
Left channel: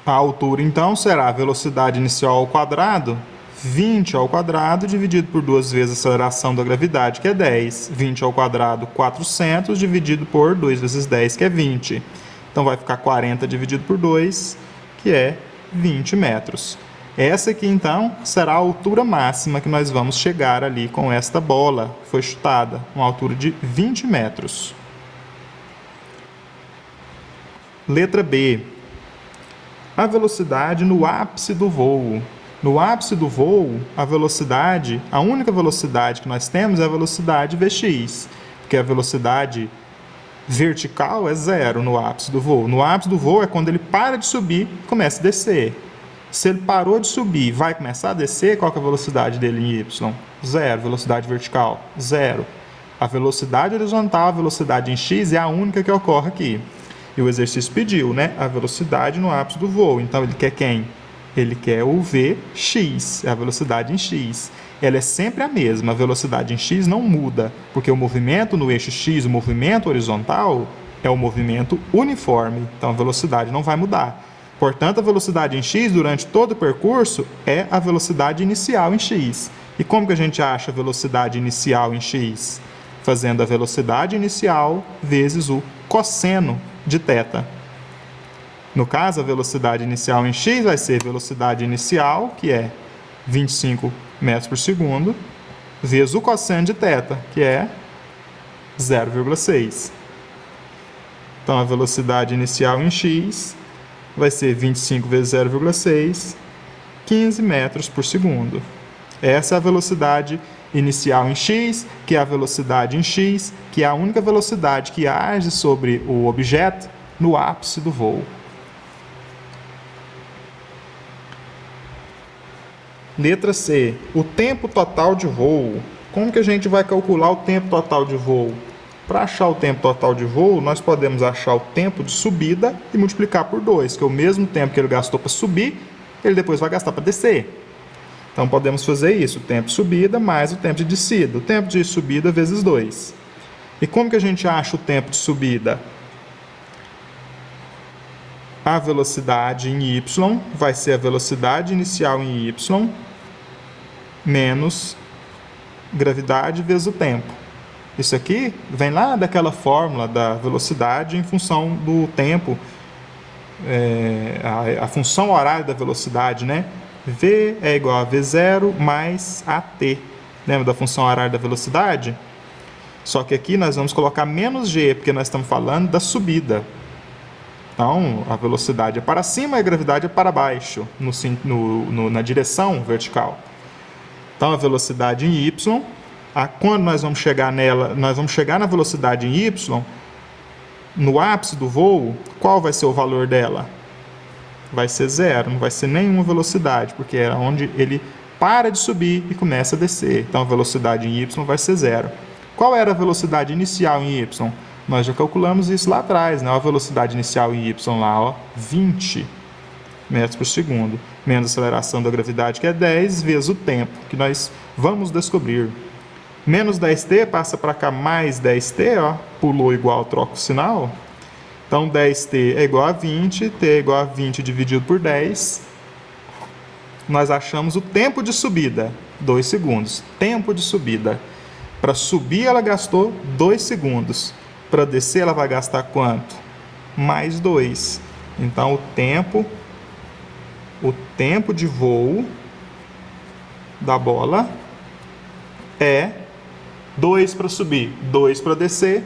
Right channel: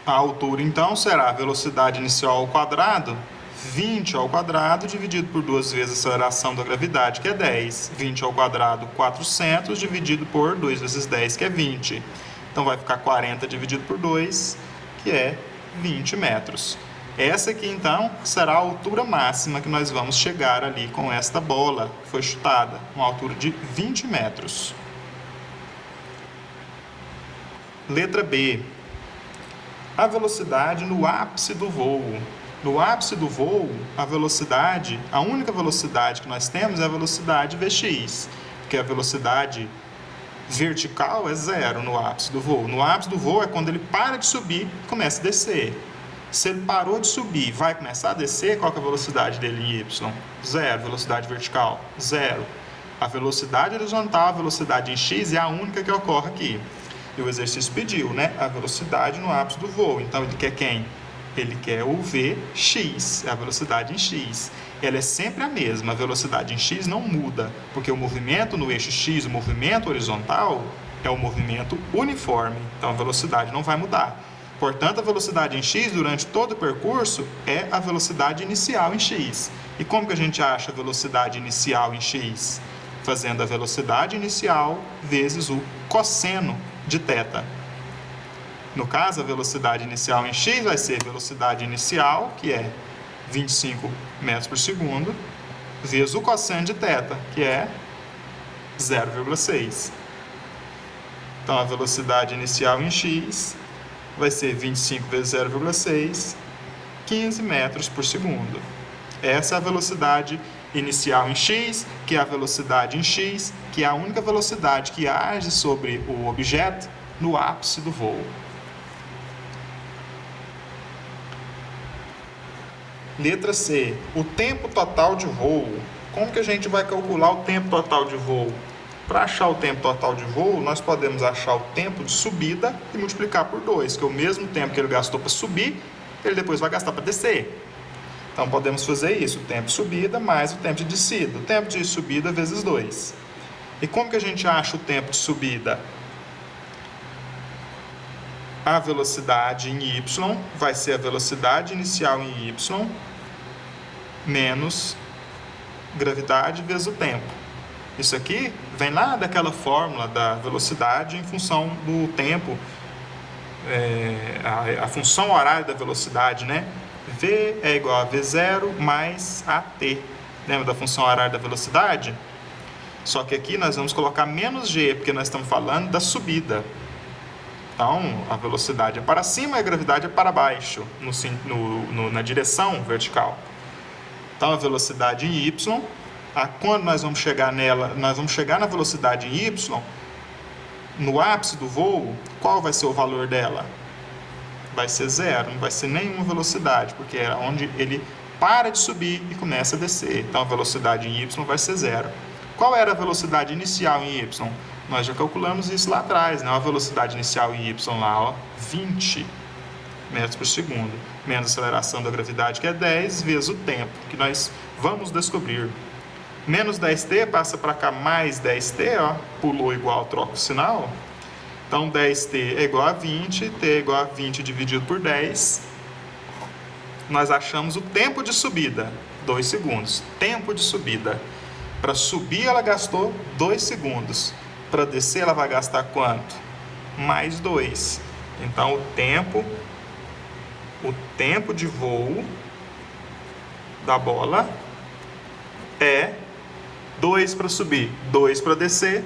A altura, então, será a velocidade inicial ao quadrado, 20 ao quadrado, dividido por 2 vezes a aceleração da gravidade, que é 10. 20 ao quadrado, 400, dividido por 2 vezes 10, que é 20. Então, vai ficar 40 dividido por 2, que é 20 metros. Essa aqui, então, será a altura máxima que nós vamos chegar ali com esta bola que foi chutada, uma altura de 20 metros. Letra B. A velocidade no ápice do voo. No ápice do voo, a única velocidade que nós temos é a velocidade Vx, porque a velocidade vertical é 0 no ápice do voo. No ápice do voo é quando ele para de subir e começa a descer. Se ele parou de subir e vai começar a descer, qual que é a velocidade dele em y? 0. Velocidade vertical, 0. A velocidade horizontal, a velocidade em x é a única que ocorre aqui. E o exercício pediu, né? A velocidade no ápice do voo. Então, ele quer quem? Ele quer o Vx, a velocidade em x. Ela é sempre a mesma, a velocidade em x não muda, porque o movimento no eixo x, o movimento horizontal, é um movimento uniforme. Então, a velocidade não vai mudar. Portanto, a velocidade em x durante todo o percurso é a velocidade inicial em x. E como que a gente acha a velocidade inicial em x? Fazendo a velocidade inicial vezes o cosseno de θ. No caso, a velocidade inicial em x vai ser velocidade inicial, que é 25 metros por segundo, vezes o cosseno de θ, que é 0,6. Então, a velocidade inicial em x vai ser 25 vezes 0,6, 15 metros por segundo. Essa é a velocidade inicial em x, que é a velocidade em x, que é a única velocidade que age sobre o objeto no ápice do voo. Letra C. O tempo total de voo. Como que a gente vai calcular o tempo total de voo? Para achar o tempo total de voo, nós podemos achar o tempo de subida e multiplicar por 2, que é o mesmo tempo que ele gastou para subir, ele depois vai gastar para descer. Então, podemos fazer isso, o tempo de subida mais o tempo de descida. O tempo de subida vezes 2. E como que a gente acha o tempo de subida? A velocidade em y vai ser a velocidade inicial em y menos gravidade vezes o tempo. Isso aqui vem lá daquela fórmula da velocidade em função do tempo, a função horária da velocidade, né? V é igual a V0 mais AT. Lembra da função horária da velocidade? Só que aqui nós vamos colocar menos G, porque nós estamos falando da subida. Então, a velocidade é para cima e a gravidade é para baixo, na direção vertical. Então, a velocidade em Y, quando nós vamos chegar nela, nós vamos chegar na velocidade em Y, no ápice do voo, qual vai ser o valor dela? Vai ser zero, não vai ser nenhuma velocidade, porque é onde ele para de subir e começa a descer. Então, a velocidade em Y vai ser zero. Qual era a velocidade inicial em Y? Nós já calculamos isso lá atrás, né? A velocidade inicial em Y lá, ó, 20 metros por segundo. Menos a aceleração da gravidade, que é 10, vezes o tempo, que nós vamos descobrir. Menos 10t passa para cá, mais 10t, ó, pulou igual, troca o sinal. Então, 10t é igual a 20, t é igual a 20 dividido por 10. Nós achamos o tempo de subida, 2 segundos. Tempo de subida. Para subir, ela gastou 2 segundos. Para descer, ela vai gastar quanto? Mais 2. Então, o tempo de voo da bola é 2 para subir, 2 para descer,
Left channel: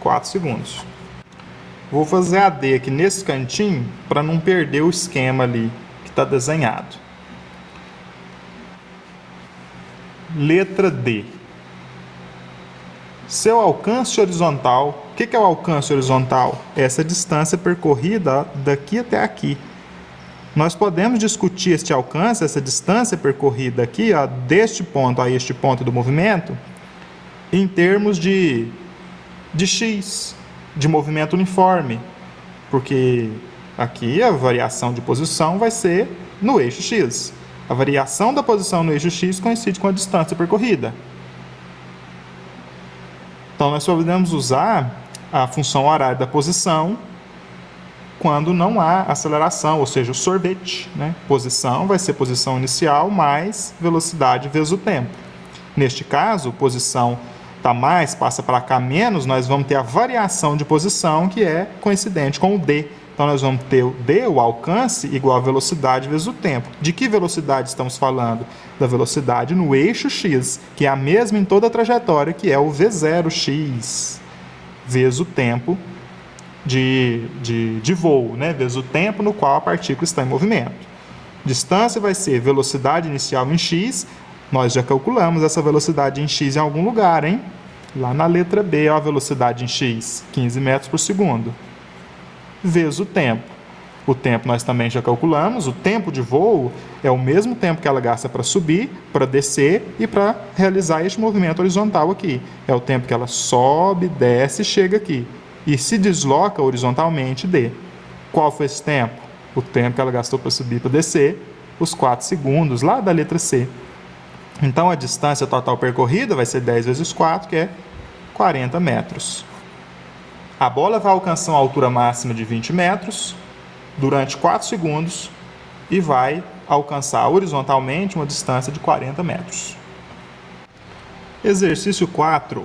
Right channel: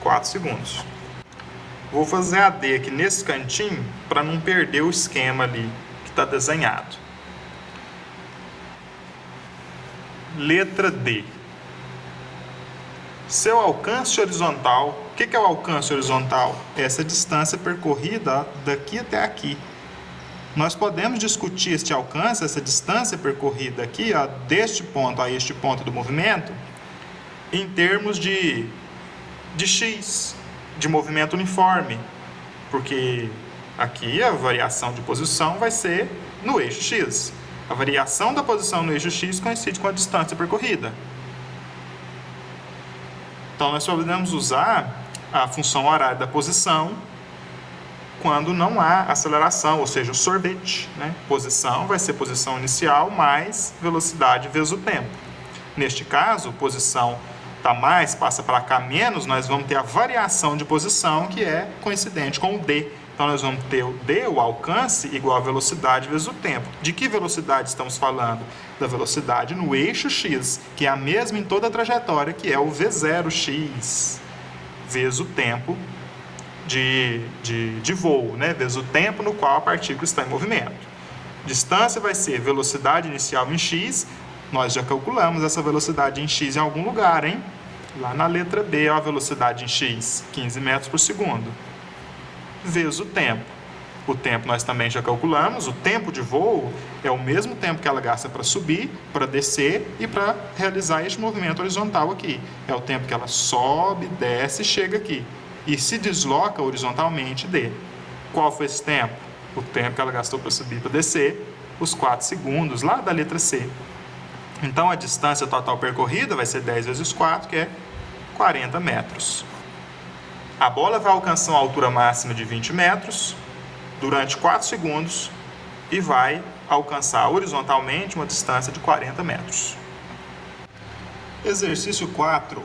4 segundos. Vou fazer a D aqui nesse cantinho para não perder o esquema ali que está desenhado. Letra D. Seu alcance horizontal. O que é o alcance horizontal? Essa distância percorrida daqui até aqui. Nós podemos discutir este alcance, essa distância percorrida aqui, ó, deste ponto a este ponto do movimento, em termos de x, de movimento uniforme, porque aqui a variação de posição vai ser no eixo x. A variação da posição no eixo x coincide com a distância percorrida. Então, nós podemos usar a função horária da posição quando não há aceleração, ou seja, o sorvete, né? Posição vai ser posição inicial mais velocidade vezes o tempo. Neste caso, posição está mais, passa para cá menos, nós vamos ter a variação de posição que é coincidente com o D. Então, nós vamos ter o D, o alcance, igual a velocidade vezes o tempo. De que velocidade estamos falando? Da velocidade no eixo x, que é a mesma em toda a trajetória, que é o V0x, vezes o tempo de voo, né? Vezes o tempo no qual a partícula está em movimento. Distância vai ser velocidade inicial em x. Nós já calculamos essa velocidade em x em algum lugar, hein? Lá na letra B, ó, a velocidade em x, 15 metros por segundo. Vezes o tempo. O tempo nós também já calculamos. O tempo de voo é o mesmo tempo que ela gasta para subir, para descer e para realizar este movimento horizontal aqui. É o tempo que ela sobe, desce e chega aqui. E se desloca horizontalmente, D. Qual foi esse tempo? O tempo que ela gastou para subir e para descer, os 4 segundos, lá da letra C. Então, a distância total percorrida vai ser 10 vezes 4, que é 40 metros. A bola vai alcançar uma altura máxima de 20 metros durante 4 segundos e vai alcançar horizontalmente uma distância de 40 metros. Exercício 4.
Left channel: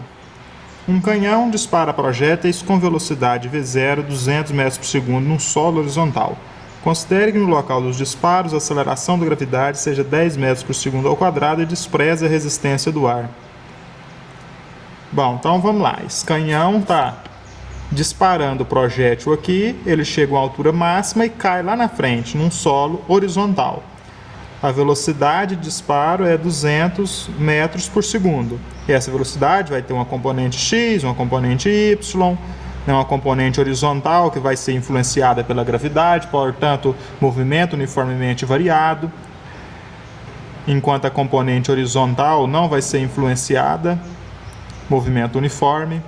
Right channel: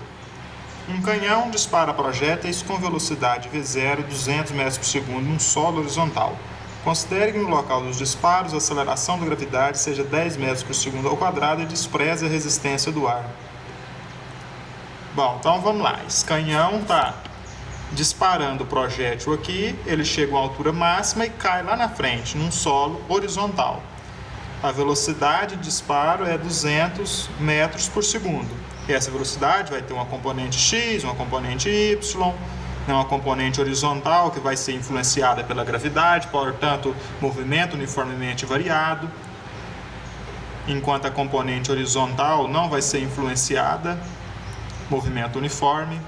Um canhão dispara projéteis com velocidade V0 200 metros por segundo num solo horizontal. Considere que no local dos disparos a aceleração da gravidade seja 10 metros por segundo ao quadrado e despreze a resistência do ar. Bom, então vamos lá. Esse canhão está disparando o projétil aqui, ele chega a uma altura máxima e cai lá na frente, num solo horizontal. A velocidade de disparo é 200 metros por segundo. E essa velocidade vai ter uma componente x, uma componente y, uma componente horizontal que vai ser influenciada pela gravidade, portanto, movimento uniformemente variado. Enquanto a componente horizontal não vai ser influenciada, movimento uniforme.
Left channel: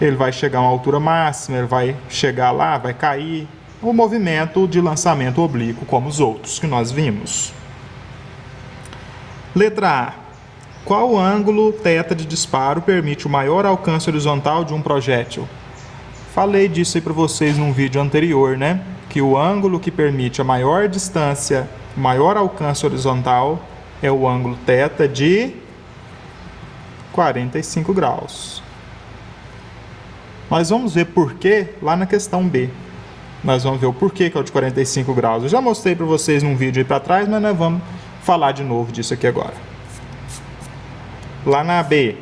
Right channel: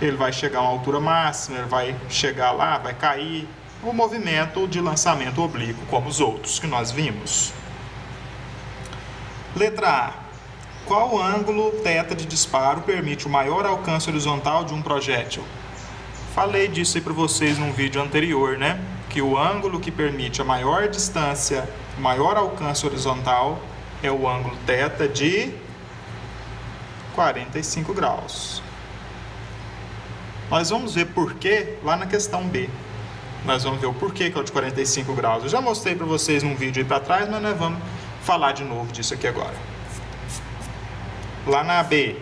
Ele vai chegar a uma altura máxima, ele vai chegar lá, vai cair. O movimento de lançamento oblíquo, como os outros que nós vimos. Letra A. Qual ângulo θ de disparo permite o maior alcance horizontal de um projétil? Falei disso aí para vocês num vídeo anterior, né? Que o ângulo que permite a maior distância, o maior alcance horizontal é o ângulo θ de 45 graus. Nós vamos ver por que lá na questão B. Nós vamos ver o porquê que é o de 45 graus. Eu já mostrei para vocês num vídeo aí para trás, mas nós vamos falar de novo disso aqui agora. Lá na B,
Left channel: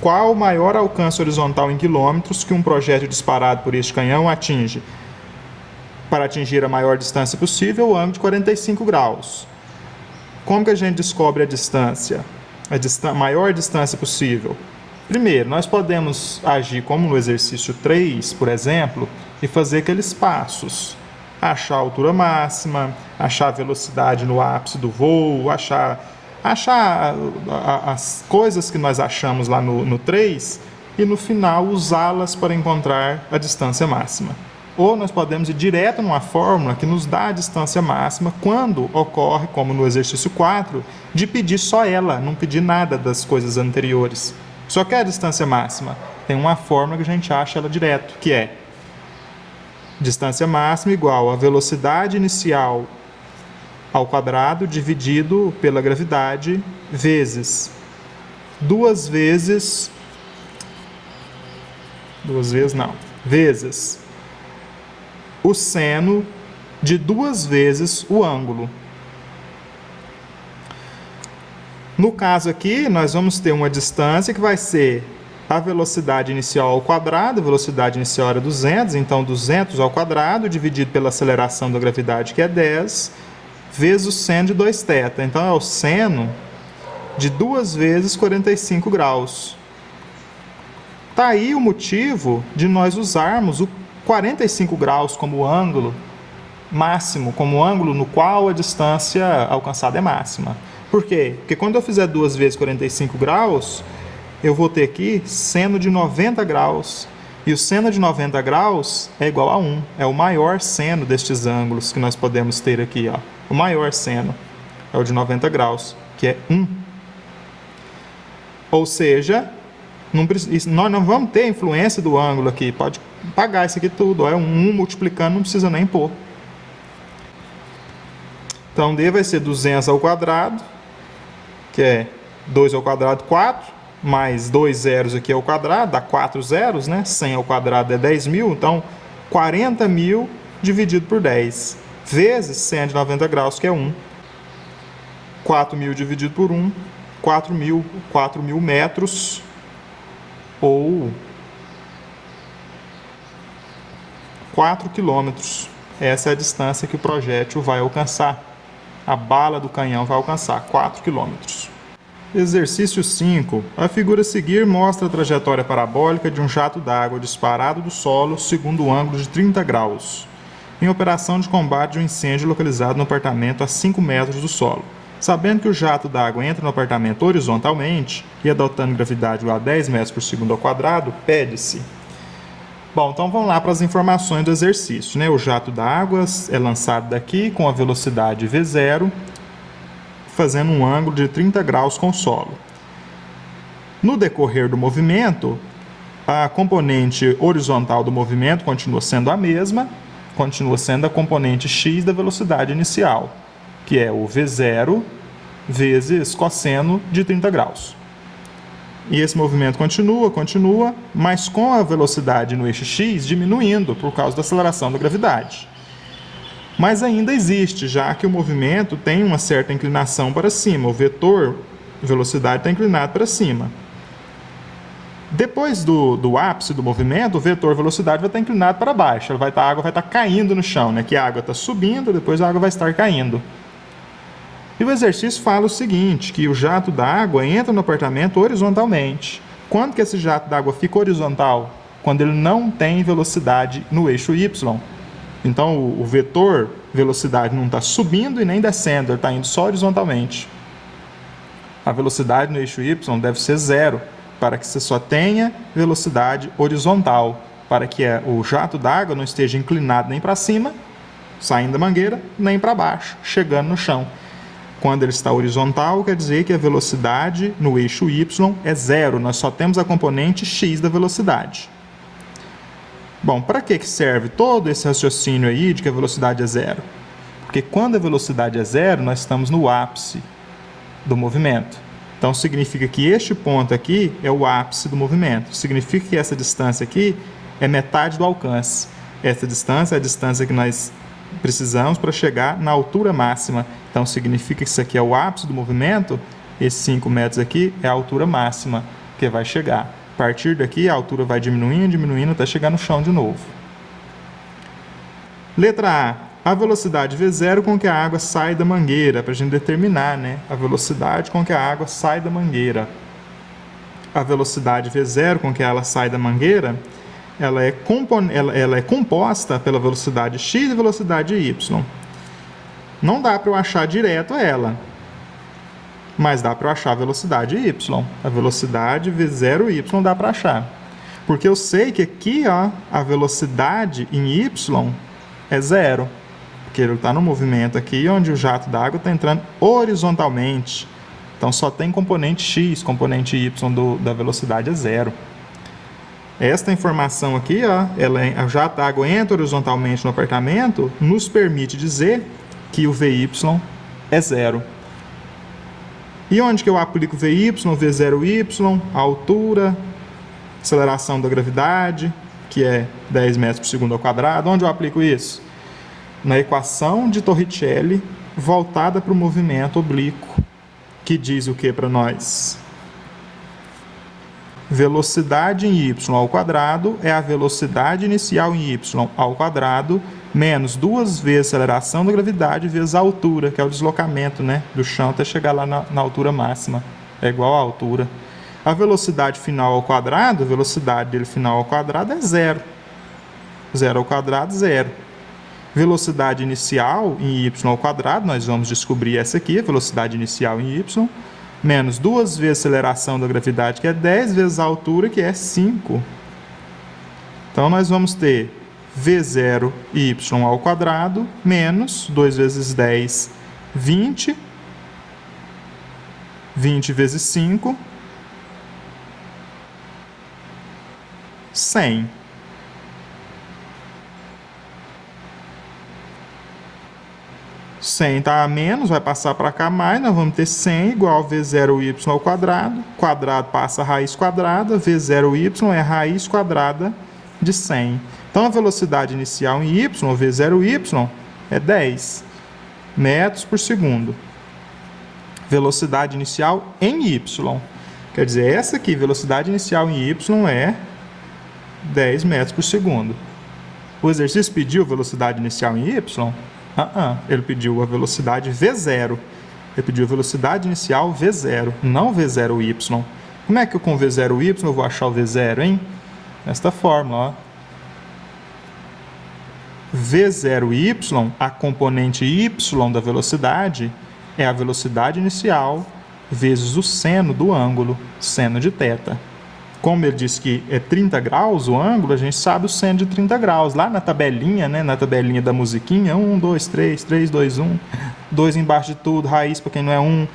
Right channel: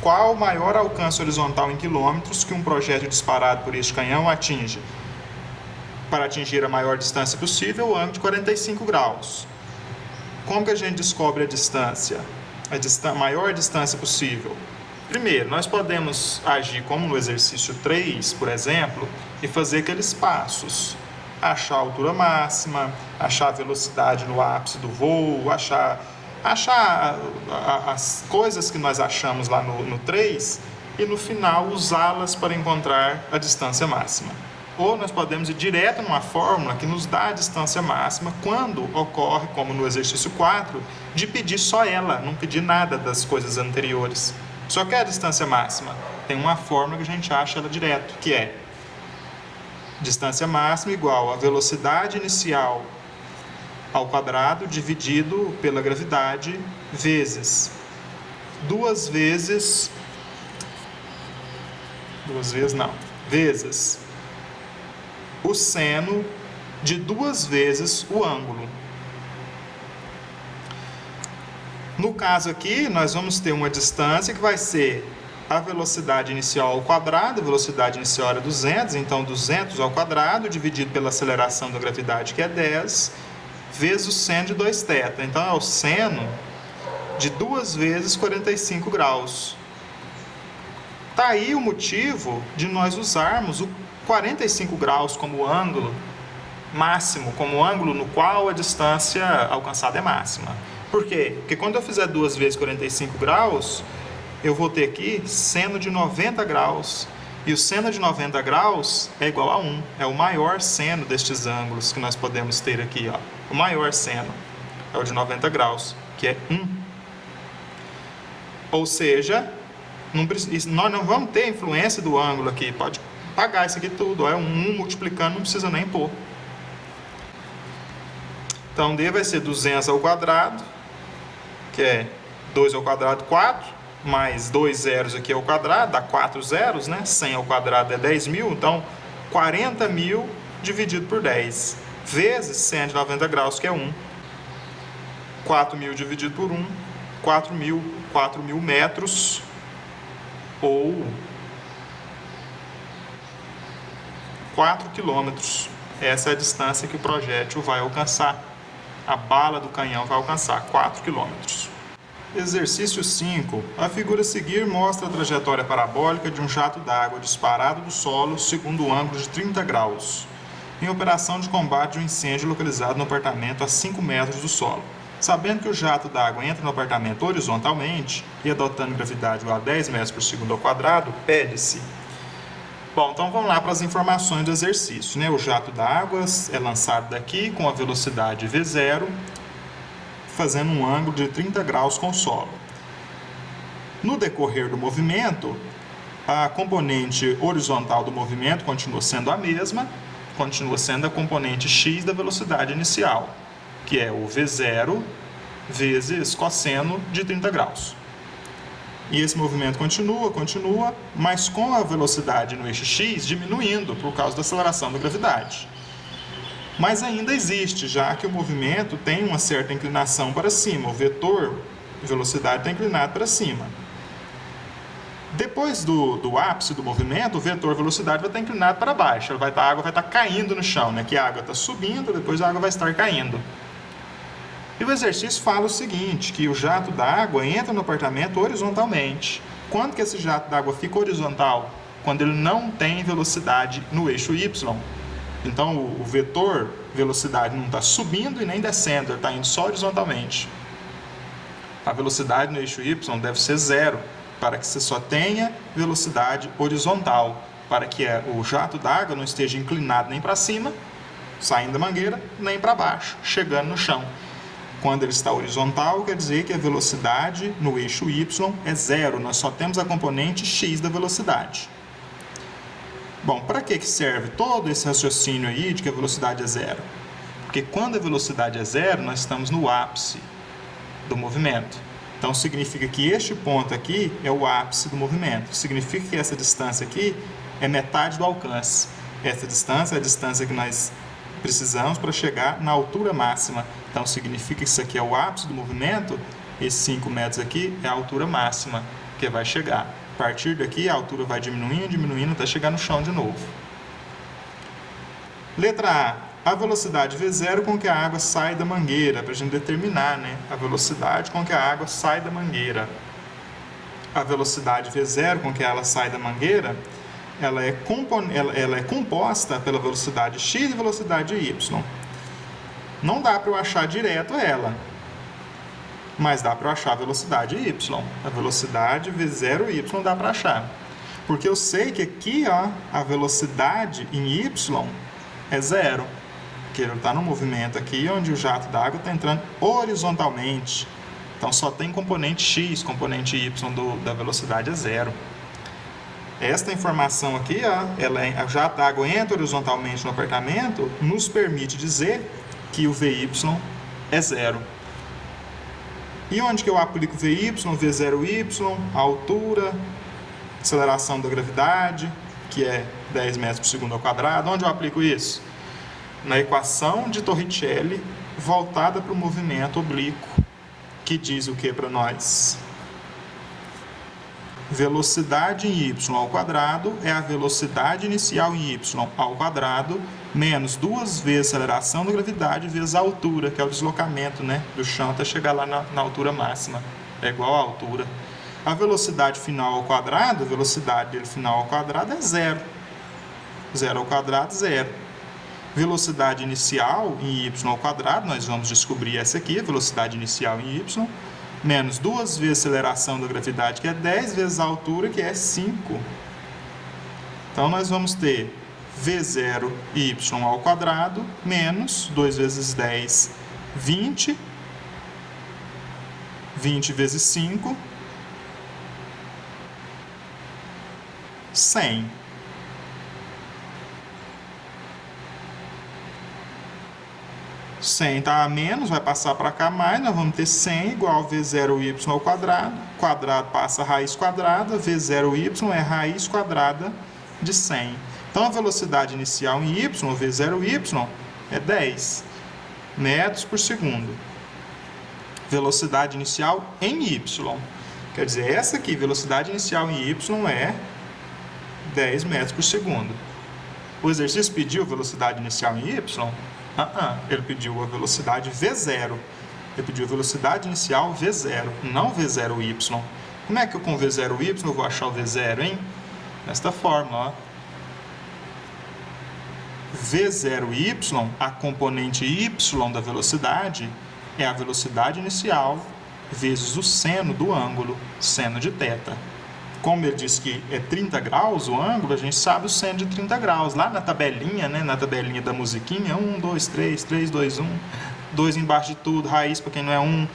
qual o maior alcance horizontal em quilômetros que um projétil disparado por este canhão atinge? Para atingir a maior distância possível, o ângulo de 45 graus. Como que a gente descobre a distância? A maior distância possível? Primeiro, nós podemos agir como no exercício 3, por exemplo, e fazer aqueles passos. Achar a altura máxima, achar a velocidade no ápice do voo, achar as coisas que nós achamos lá no 3 e no final usá-las para encontrar a distância máxima. Ou nós podemos ir direto numa fórmula que nos dá a distância máxima quando ocorre, como no exercício 4, de pedir só ela, não pedir nada das coisas anteriores. Só que a distância máxima tem uma fórmula que a gente acha ela direto, que é distância máxima igual a velocidade inicial ao quadrado dividido pela gravidade vezes vezes o seno de 2 vezes o ângulo. No caso aqui, nós vamos ter uma distância que vai ser a velocidade inicial ao quadrado, a velocidade inicial era 200, então 200 ao quadrado dividido pela aceleração da gravidade, que é 10, vezes o seno de 2θ. Então é o seno de 2 vezes 45 graus. Está aí o motivo de nós usarmos o 45 graus como ângulo máximo, como ângulo no qual a distância alcançada é máxima. Por quê? Porque quando eu fizer 2 vezes 45 graus, eu vou ter aqui seno de 90 graus. E o seno de 90 graus é igual a 1. É o maior seno destes ângulos que nós podemos ter aqui. Ó. O maior seno é o de 90 graus, que é 1. Ou seja, nós não vamos ter influência do ângulo aqui. Pode pagar isso aqui tudo. Ó. É 1 multiplicando, não precisa nem pôr. Então, D vai ser 200 ao quadrado, que é 2 ao quadrado, 4, mais 2 zeros aqui ao quadrado, dá 4 zeros, né? 100 ao quadrado é 10.000, então 40.000 dividido por 10, vezes seno de 90 graus, que é 1. 4.000 dividido por 1, 4.000 metros, ou 4 quilômetros. Essa é a distância que o projétil vai alcançar. A bala do canhão vai alcançar 4 km. Exercício 5. A figura a seguir mostra a trajetória parabólica de um jato d'água disparado do solo segundo o ângulo de 30 graus, em operação de combate de um incêndio localizado no apartamento a 5 metros do solo. Sabendo que o jato d'água entra no apartamento horizontalmente e adotando gravidade igual a 10 metros por segundo ao quadrado, pede-se. Bom, então vamos lá para as informações do exercício, né? O jato d'água é lançado daqui com a velocidade V0, fazendo um ângulo de 30 graus com o solo. No decorrer do movimento, a componente horizontal do movimento continua sendo a mesma, continua sendo a componente x da velocidade inicial, que é o V0 vezes cosseno de 30 graus. E esse movimento continua, mas com a velocidade no eixo x diminuindo por causa da aceleração da gravidade. Mas ainda existe, já que o movimento tem uma certa inclinação para cima. O vetor velocidade está inclinado para cima. Depois do ápice do movimento, o vetor velocidade vai estar inclinado para baixo. A água vai estar caindo no chão, né? Que a água está subindo, depois a água vai estar caindo. E o exercício fala o seguinte, que o jato d'água entra no apartamento horizontalmente. Quando que esse jato d'água fica horizontal? Quando ele não tem velocidade no eixo y. Então, o vetor velocidade não está subindo e nem descendo, ele está indo só horizontalmente. A velocidade no eixo y deve ser 0, para que você só tenha velocidade horizontal, para que o jato d'água não esteja inclinado nem para cima, saindo da mangueira, nem para baixo, chegando no chão. Quando ele está horizontal, quer dizer que a velocidade no eixo y é 0. Nós só temos a componente x da velocidade. Bom, para que serve todo esse raciocínio aí de que a velocidade é 0? Porque quando a velocidade é 0, nós estamos no ápice do movimento. Então, significa que este ponto aqui é o ápice do movimento. Significa que essa distância aqui é metade do alcance. Essa distância é a distância que nós precisamos para chegar na altura máxima. Então, significa que isso aqui é o ápice do movimento. Esses 5 metros aqui é a altura máxima que vai chegar. A partir daqui, a altura vai diminuindo, diminuindo, até chegar no chão de novo. Letra A. A velocidade V0 com que a água sai da mangueira, para a gente determinar, né? A velocidade com que a água sai da mangueira. A velocidade V0 com que ela sai da mangueira, ela é composta pela velocidade x e velocidade y. Não dá para eu achar direto ela, mas dá para eu achar a velocidade y. A velocidade V0y dá para achar. Porque eu sei que aqui, ó, a velocidade em y é 0. Porque ele está no movimento aqui, onde o jato d'água está entrando horizontalmente. Então, só tem componente x, componente y da velocidade é 0. Esta informação aqui, ó, o jato d'água entra horizontalmente no apartamento, nos permite dizer que o VY é 0. E onde que eu aplico o VY, V0y, a altura, aceleração da gravidade, que é 10 metros por segundo ao quadrado? Onde eu aplico isso? Na equação de Torricelli voltada para o movimento oblíquo, que diz o que para nós? Velocidade em y ao quadrado é a velocidade inicial em y ao quadrado menos 2 vezes a aceleração da gravidade vezes a altura, que é o deslocamento, né, do chão até chegar lá na altura máxima. É igual à altura. A velocidade final ao quadrado, a velocidade dele final ao quadrado é 0. 0 ao quadrado, 0. Velocidade inicial em y ao quadrado, nós vamos descobrir essa aqui, a velocidade inicial em y, menos 2 vezes a aceleração da gravidade, que é 10 vezes a altura, que é 5. Então, nós vamos ter V0y ao quadrado, menos 2 vezes 10, 20. 20 vezes 5, 100. Está a menos, vai passar para cá mais, nós vamos ter 100 igual a V0y ao quadrado. Quadrado passa a raiz quadrada, V0y é a raiz quadrada de 100. Então, a velocidade inicial em y, V0y, é 10 metros por segundo. Velocidade inicial em y. Quer dizer, essa aqui, velocidade inicial em y, é 10 metros por segundo. O exercício pediu velocidade inicial em y? Ele pediu a velocidade V0. Ele pediu a velocidade inicial V0, não V0y. Como é que eu com V0y eu vou achar o V0, hein? Desta forma, ó. V0y, a componente y da velocidade, é a velocidade inicial vezes o seno do ângulo, seno de θ. Como ele disse que é 30 graus o ângulo, a gente sabe o seno de 30 graus. Lá na tabelinha, né, na tabelinha da musiquinha, 1, 2, 3, 3, 2, 1, 2 embaixo de tudo, raiz para quem não é 1.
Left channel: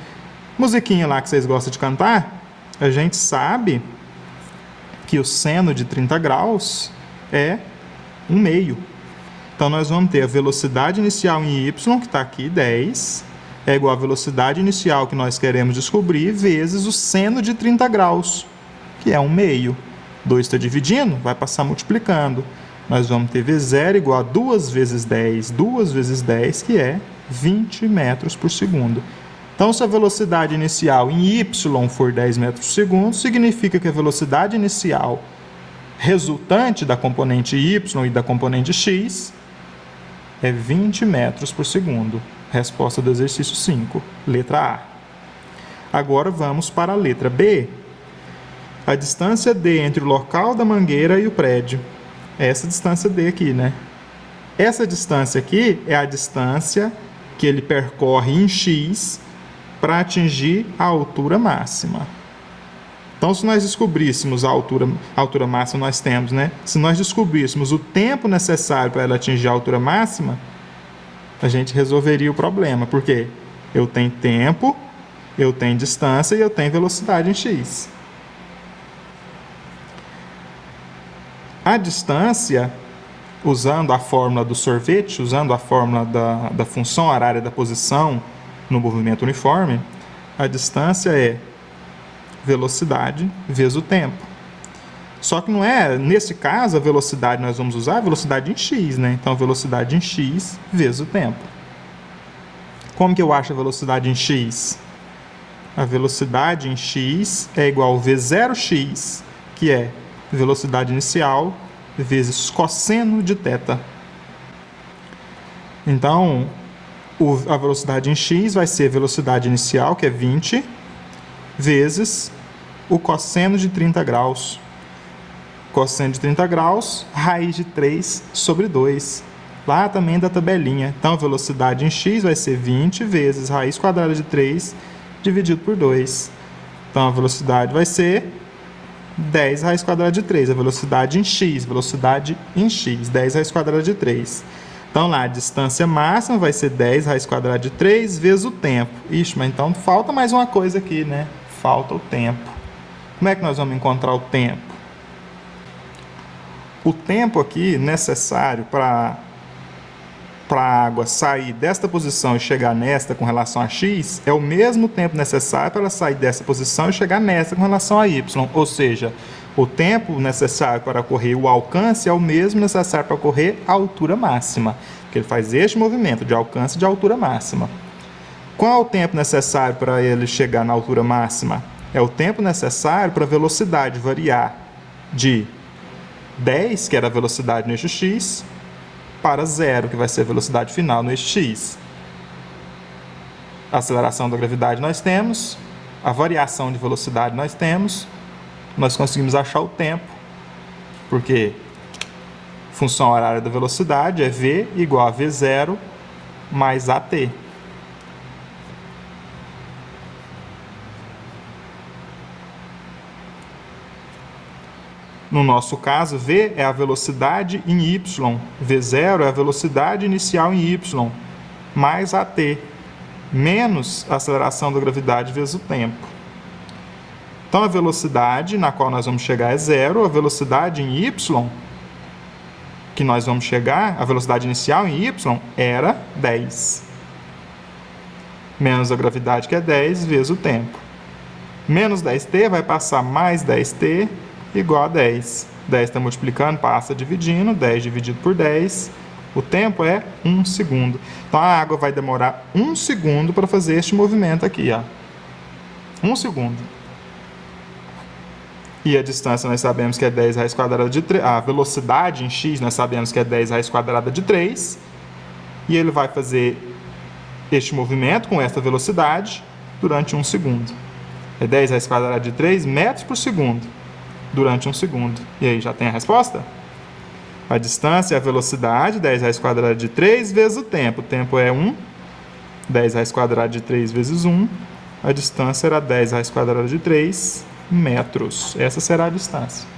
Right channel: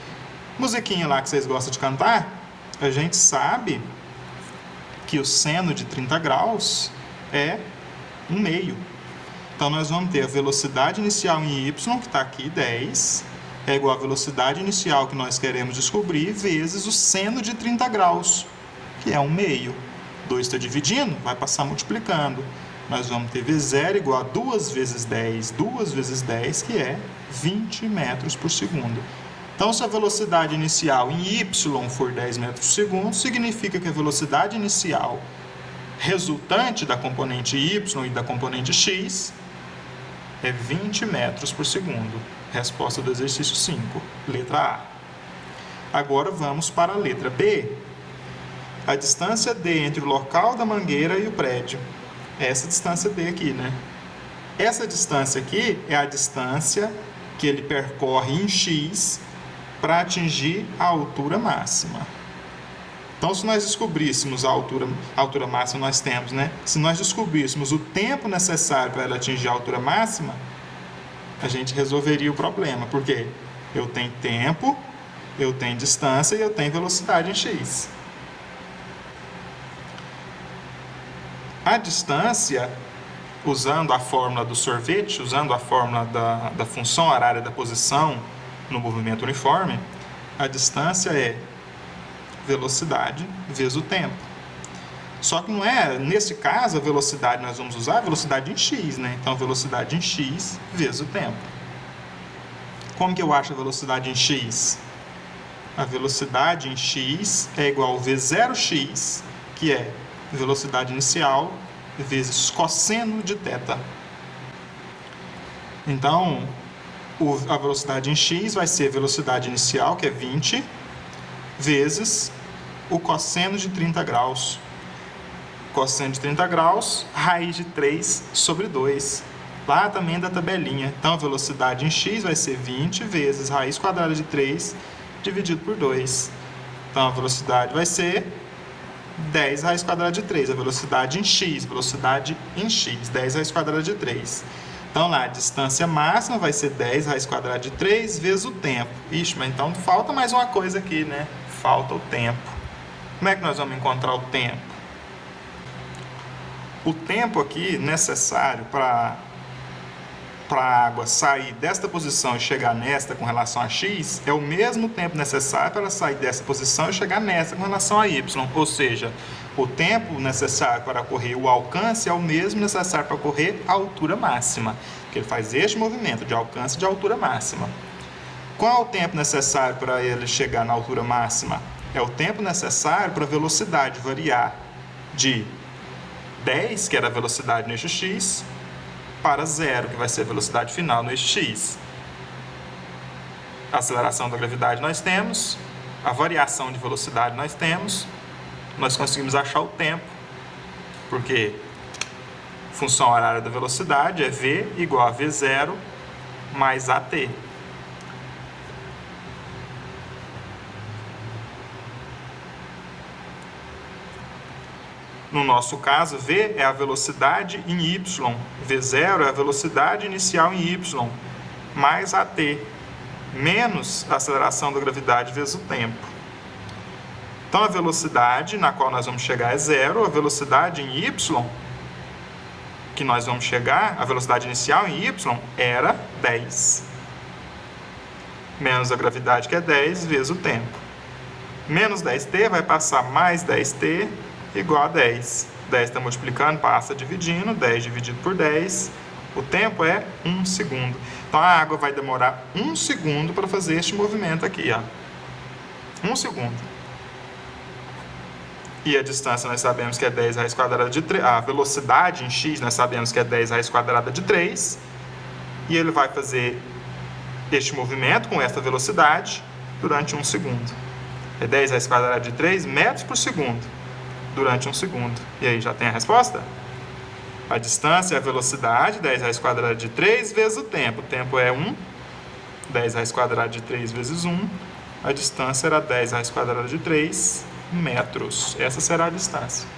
Musiquinha lá que vocês gostam de cantar, a gente sabe que o seno de 30 graus é 1/2. Então, nós vamos ter a velocidade inicial em y, que está aqui, 10, é igual à velocidade inicial que nós queremos descobrir, vezes o seno de 30 graus, que é 1/2. 2 está dividindo, vai passar multiplicando. Nós vamos ter V0 igual a 2 vezes 10, 2 vezes 10, que é 20 metros por segundo. Então, se a velocidade inicial em y for 10 metros por segundo, significa que a velocidade inicial resultante da componente y e da componente x é 20 metros por segundo. Resposta do exercício 5, letra A. Agora vamos para a letra B. A distância D entre o local da mangueira e o prédio. É essa distância D aqui, né? Essa distância aqui é a distância que ele percorre em x para atingir a altura máxima. Então, se nós descobríssemos a altura máxima nós temos, né? Se nós descobríssemos o tempo necessário para ela atingir a altura máxima, a gente resolveria o problema. Porque eu tenho tempo, eu tenho distância e eu tenho velocidade em x. A distância, usando a fórmula do sorvete, usando a fórmula da função horária da posição no movimento uniforme, A distância é velocidade vezes o tempo. Só que não é, nesse caso, a velocidade nós vamos usar a velocidade em x, né? Então, velocidade em x vezes o tempo. Como que eu acho a velocidade em x? A velocidade em x é igual a v0x, que é velocidade inicial, vezes cosseno de θ. Então, a velocidade em x vai ser a velocidade inicial, que é 20, vezes o cosseno de 30 graus. Cosseno de 30 graus, raiz de 3 sobre 2. Lá também da tabelinha. Então, a velocidade em x vai ser 20 vezes raiz quadrada de 3 dividido por 2. Então, a velocidade vai ser 10 raiz quadrada de 3. A velocidade em x, 10 raiz quadrada de 3. Então, lá, a distância máxima vai ser 10 raiz quadrada de 3 vezes o tempo. Ixi, mas então falta mais uma coisa aqui, né? Falta o tempo. Como é que nós vamos encontrar o tempo? O tempo aqui necessário para a água sair desta posição e chegar nesta com relação a x é o mesmo tempo necessário para ela sair dessa posição e chegar nesta com relação a y. Ou seja, o tempo necessário para ocorrer o alcance é o mesmo necessário para ocorrer a altura máxima. Porque ele faz este movimento de alcance e de altura máxima. Qual é o tempo necessário para ele chegar na altura máxima? É o tempo necessário para a velocidade variar de 10, que era a velocidade no eixo x, para 0, que vai ser a velocidade final no eixo x. A aceleração da gravidade nós temos, a variação de velocidade nós temos, nós conseguimos achar o tempo, porque função horária da velocidade é v igual a v0 mais at. No nosso caso, v é a velocidade em y, v0 é a velocidade inicial em y, mais at, menos a aceleração da gravidade vezes o tempo. Então, a velocidade na qual nós vamos chegar é 0, a velocidade em y, que nós vamos chegar, a velocidade inicial em y, era 10. Menos a gravidade, que é 10, vezes o tempo. Menos 10t vai passar mais 10t, igual a 10. 10 está multiplicando, passa dividindo, 10 dividido por 10, o tempo é 1 segundo. Então, a água vai demorar 1 segundo para fazer este movimento aqui, ó. 1 segundo. E a distância nós sabemos que é 10 raiz quadrada de 3, a velocidade em x nós sabemos que é 10 raiz quadrada de 3, e ele vai fazer este movimento com esta velocidade durante 1 segundo. É 10 raiz quadrada de 3 metros por segundo. Durante 1 segundo. E aí, já tem a resposta? A distância é a velocidade, 10 raiz quadrada de 3 vezes o tempo. O tempo é 1, 10 raiz quadrada de 3 vezes 1. A distância era 10 raiz quadrada de 3 metros. Essa será a distância.